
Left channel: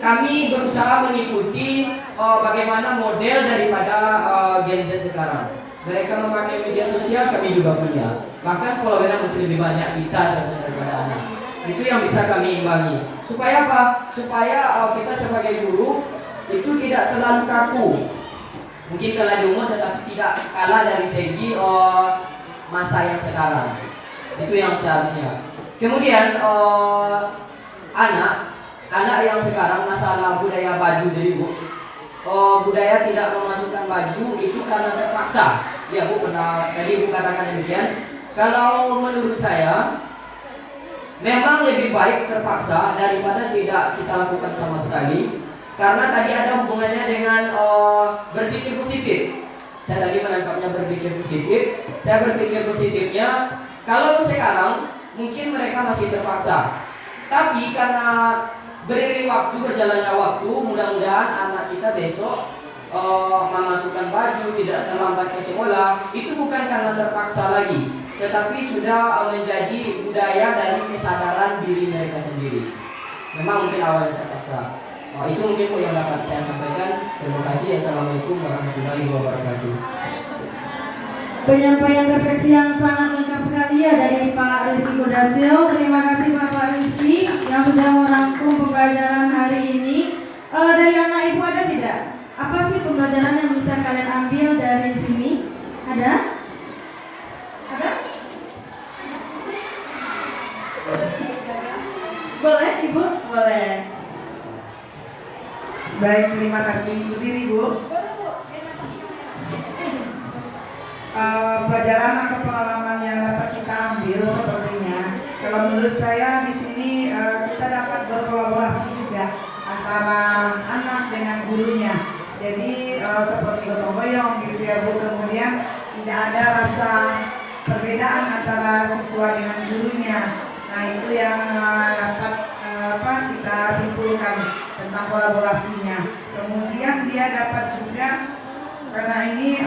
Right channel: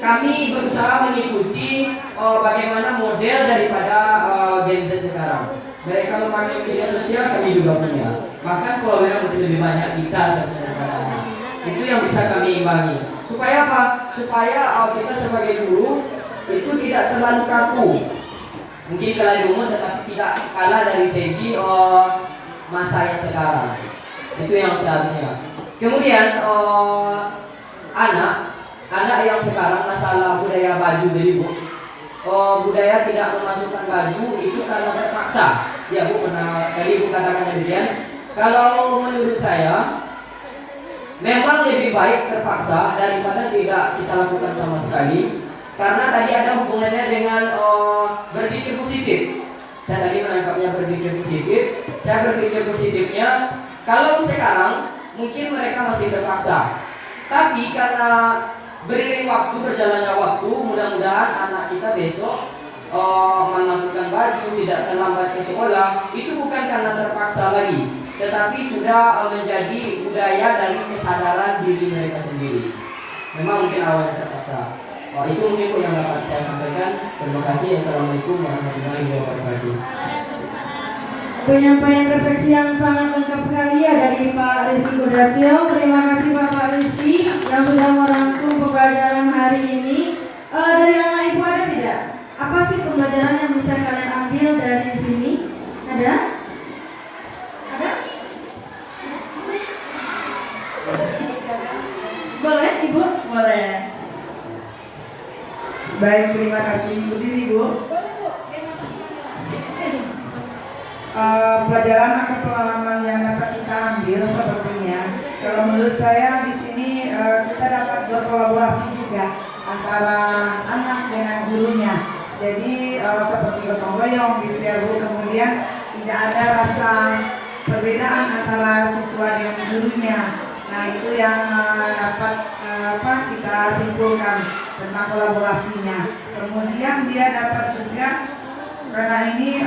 kami berusaha mengikuti bagaimana model daripada Gen Z sekarang. Mereka memakai media sosial, kami juga punya. Bahkan followernya mungkin lebih banyak kita daripada anak. Itu yang bisa kami imbangi. Supaya apa? Supaya kita sebagai guru itu tidak terlalu kaku. Mungkin kalah umur tetapi tidak kalah dari segi masa yang sekarang. Itu yang seharusnya. Kemudian anak yang sekarang masalah budaya baju dari Bu. Budaya tidak memasukkan baju itu karena terpaksa. Ya Bu, pernah tadi Bu katakan demikian. Kalau menurut saya memang lebih baik terpaksa daripada tidak kita lakukan sama sekali. Karena tadi ada hubungannya dengan berpikir positif. Saya tadi menangkapnya berpikir positif. Saya berpikir positifnya kalau sekarang mungkin mereka masih terpaksa. Tapi karena beriring waktu, berjalannya waktu, mudah-mudahan anak kita besok memasukkan baju, tidak terlambat ke sekolah. Itu bukan karena terpaksa lagi, tetapi sudah menjadi budaya dari kesadaran diri mereka sendiri. Memang mungkin awalnya terpaksa. Itu mungkin yang dapat saya sampaikan. Terima kasih. Assalamualaikum warahmatullahi wabarakatuh. Penyampaian refleksi yang sangat lengkap sekali ya dari Pak Rizky Kudarsil. Terima kasih Pak Rizky yang sudah merangkum pembelajaran hari ini. Dari anak ibu ada tidak? Apa sih pembelajaran yang bisa kalian ambil dari sini? Ada? Ada? Boleh Ibu? Boleh. Baik, terima kasih Ibu Dini Bu. Pelajaran atau pengalaman yang dapat kita ambil sepertinya, kalau menurut saya di sini kita dapat berkolaborasi juga antara anak dengan gurunya. Jadi seperti gotong royong gitu ya Bu. Kemudian tidak ada rasa perbedaan antara siswa dengan gurunya. Nah itu yang dapat kita simpulkan tentang kolaborasinya. Kemudian dia dapat juga karena ini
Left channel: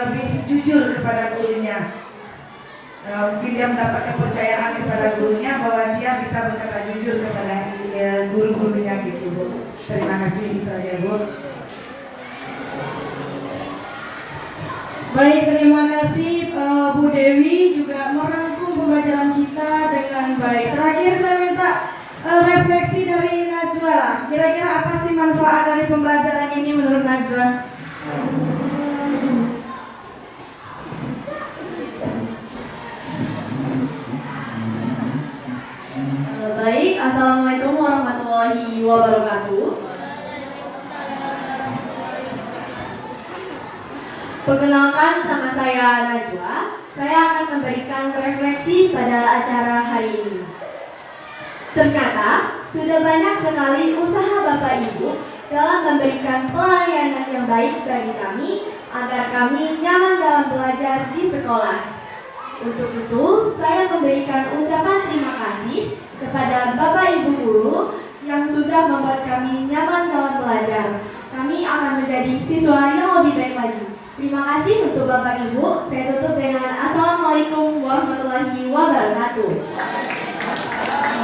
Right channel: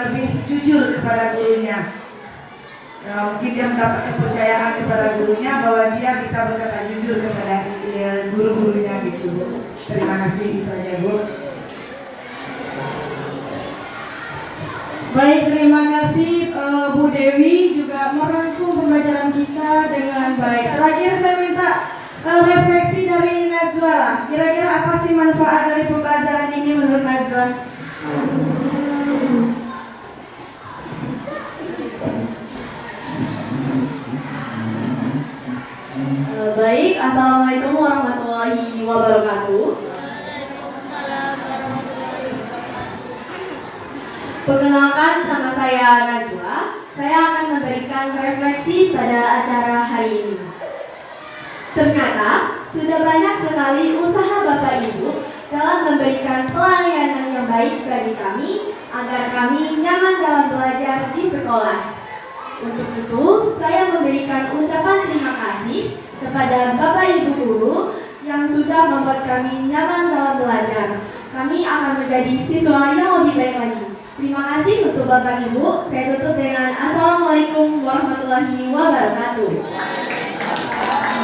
lebih jujur kepada gurunya. Mungkin dia mendapat kepercayaan kepada gurunya bahwa dia bisa berkata jujur kepada guru-gurunya gitu Bu. Terima kasih, itu aja Bu. Baik, terima kasih Bu Dewi juga merangkum pembelajaran kita dengan baik. Terakhir saya minta refleksi dari Najwa. Kira-kira apa sih manfaat dari pembelajaran ini menurut Najwa? Baik, Assalamualaikum warahmatullahi wabarakatuh. Perkenalkan, nama saya Najwa. Saya akan memberikan refleksi pada acara hari ini. Ternyata sudah banyak sekali usaha Bapak Ibu dalam memberikan pelayanan yang baik bagi kami agar kami nyaman dalam belajar di sekolah. Untuk itu, saya memberikan ucapan terima kasih kepada Bapak Ibu guru yang sudah membuat kami nyaman dalam belajar. Kami akan menjadi siswa yang lebih baik lagi. Terima kasih untuk Bapak Ibu. Saya tutup dengan Assalamualaikum warahmatullahi wabarakatuh.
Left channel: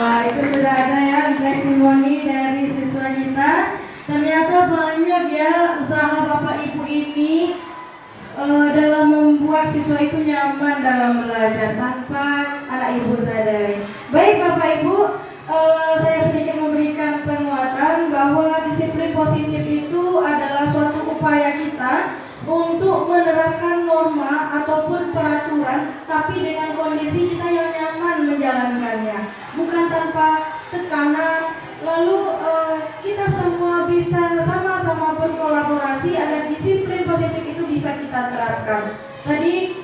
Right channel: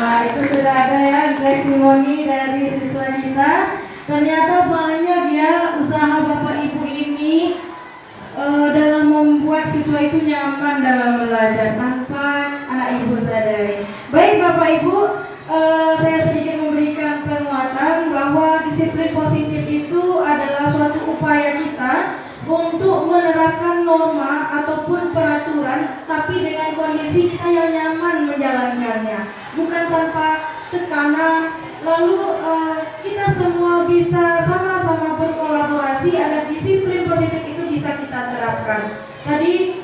Nah, itu sudah ada ya testimoni dari siswa kita. Ternyata banyak ya usaha Bapak Ibu ini dalam membuat siswa itu nyaman dalam belajar. Tanpa anak ibu Ibu, saya sedikit memberikan penguatan bahwa disiplin positif itu adalah suatu upaya kita untuk menerapkan norma ataupun peraturan, tapi dengan kondisi kita yang nyaman menjalankannya, bukan tanpa tekanan. Lalu kita semua bisa sama-sama berkolaborasi agar disiplin positif itu bisa kita terapkan. Tadi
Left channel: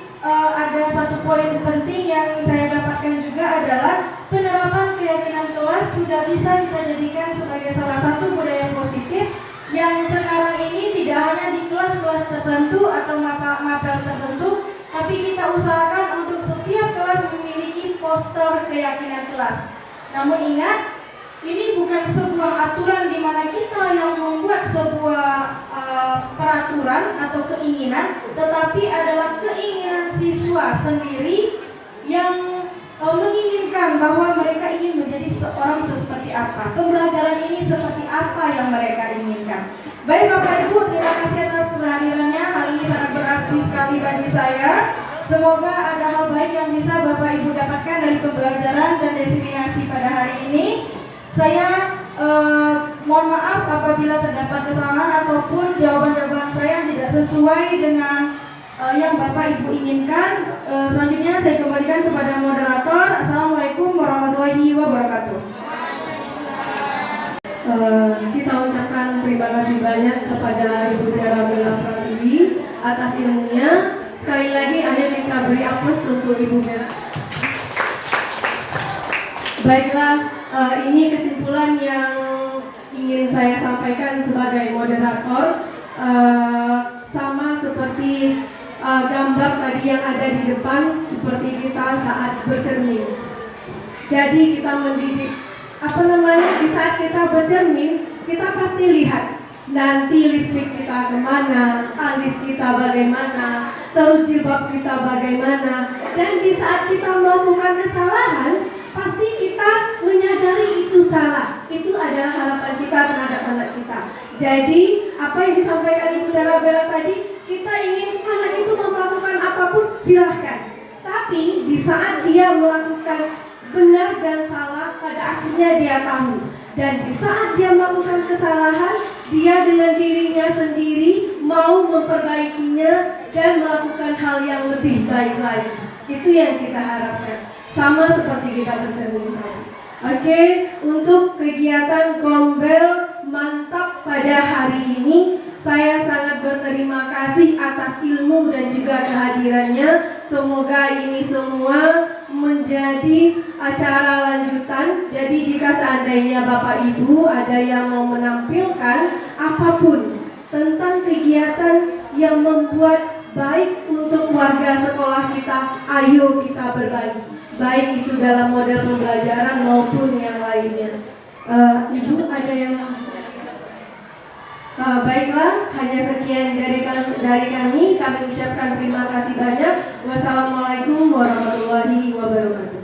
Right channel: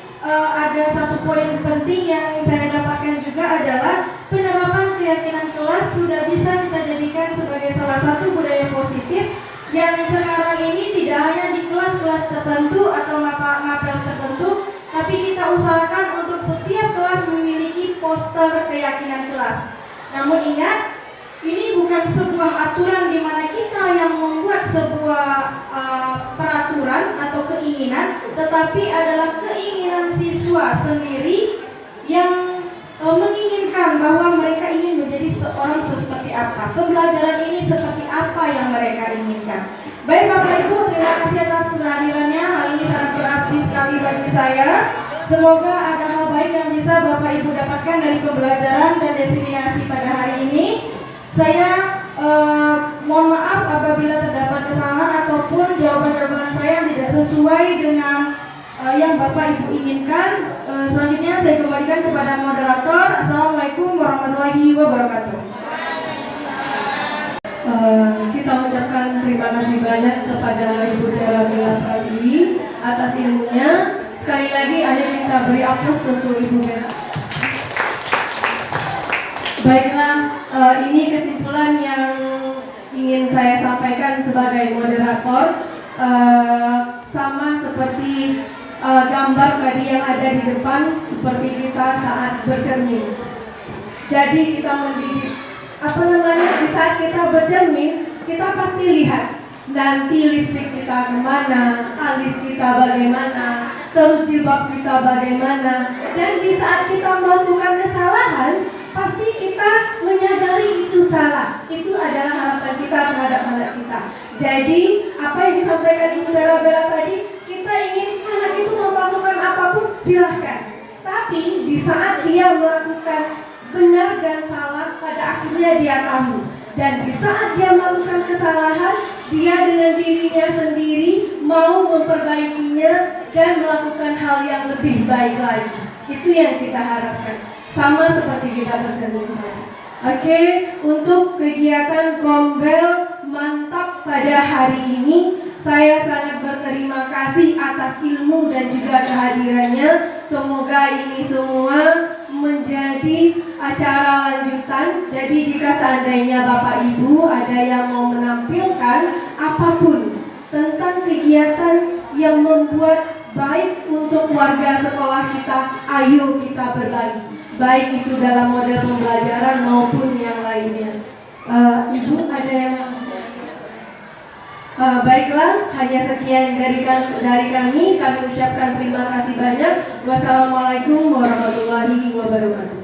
ada satu poin penting yang saya dapatkan juga adalah penerapan keyakinan kelas sudah bisa kita jadikan sebagai salah satu budaya positif yang sekarang ini tidak hanya di kelas-kelas tertentu atau mapel tertentu, tapi kita usahakan untuk setiap kelas memiliki poster keyakinan kelas. Namun ingat, ini bukan sebuah aturan di mana kita yang membuat sebuah peraturan atau keinginan, tetapi adalah keinginan siswa sendiri yang menginginkan bahwa mereka ingin menjadi seorang seperti apa, pembelajaran ini seperti apa yang mereka inginkan. Baik Bapak Ibu, terima kasih atas kehadirannya. Hal ini sangat berarti sekali bagi saya. Semoga ada hal baik yang bisa Bapak Ibu dapatkan dari pembelajaran dan diseminasi pada hari ini. Saya mohon maaf apabila terdapat kesalahan ataupun jawaban-jawaban saya yang tidak sesuai dengan yang Bapak Ibu inginkan. Selanjutnya saya kembalikan kepada moderator. Assalamualaikum warahmatullahi wabarakatuh. Kita mengucapkan terima kasih banyak kepada Ibu Tiara Bella Pratiwi atas ilmunya. Sekali lagi ayo kita beri aplaus untuk Ibu Bella. Baiklah, ini kesimpulan yang ingin saya sampaikan sebagai moderator. Sama seperti gambar tadi yang ada di depan, seperti kita saat bercermin. Jadi kita mendidik, di saat kita bercermin, kita pasti lihat nanti lipstik kita kemana, alis kita bagaimana, terus jilbab kita bagaimana. Dan di saat kita melakukan kesalahan, pasti kita menyadari itu salah. Itu adalah harapan kita terhadap anak kita. Jadi apa yang disampaikan Ibu Tiara Bella tadi, kita ingin anak itu melakukan apapun silahkan. Tapi di saat dia melakukan benar dan salah, pada akhirnya dia tahu. Dan di saat dia melakukan kesalahan, dia dengan dirinya sendiri mau memperbaikinya dan melakukan hal yang lebih baik lagi. Itu yang kita harapkan. Sama seperti kita bercermin tadi. Oke, untuk kegiatan Gombel Mantap pada hari ini, saya sangat berterima kasih atas ilmu dan juga kehadirannya. Semoga ini semua menjadi acara lanjutan. Jadi jika seandainya Bapak Ibu ada yang mau menampilkan apapun tentang kegiatan yang membuat baik untuk warga sekolah kita, ayo kita berbagi. Baik itu dalam model pembelajaran maupun yang lainnya. Ibu ada yang baiklah, hanya sekian dari kami. Kami ucapkan terima kasih banyak. Wassalamualaikum warahmatullahi wabarakatuh.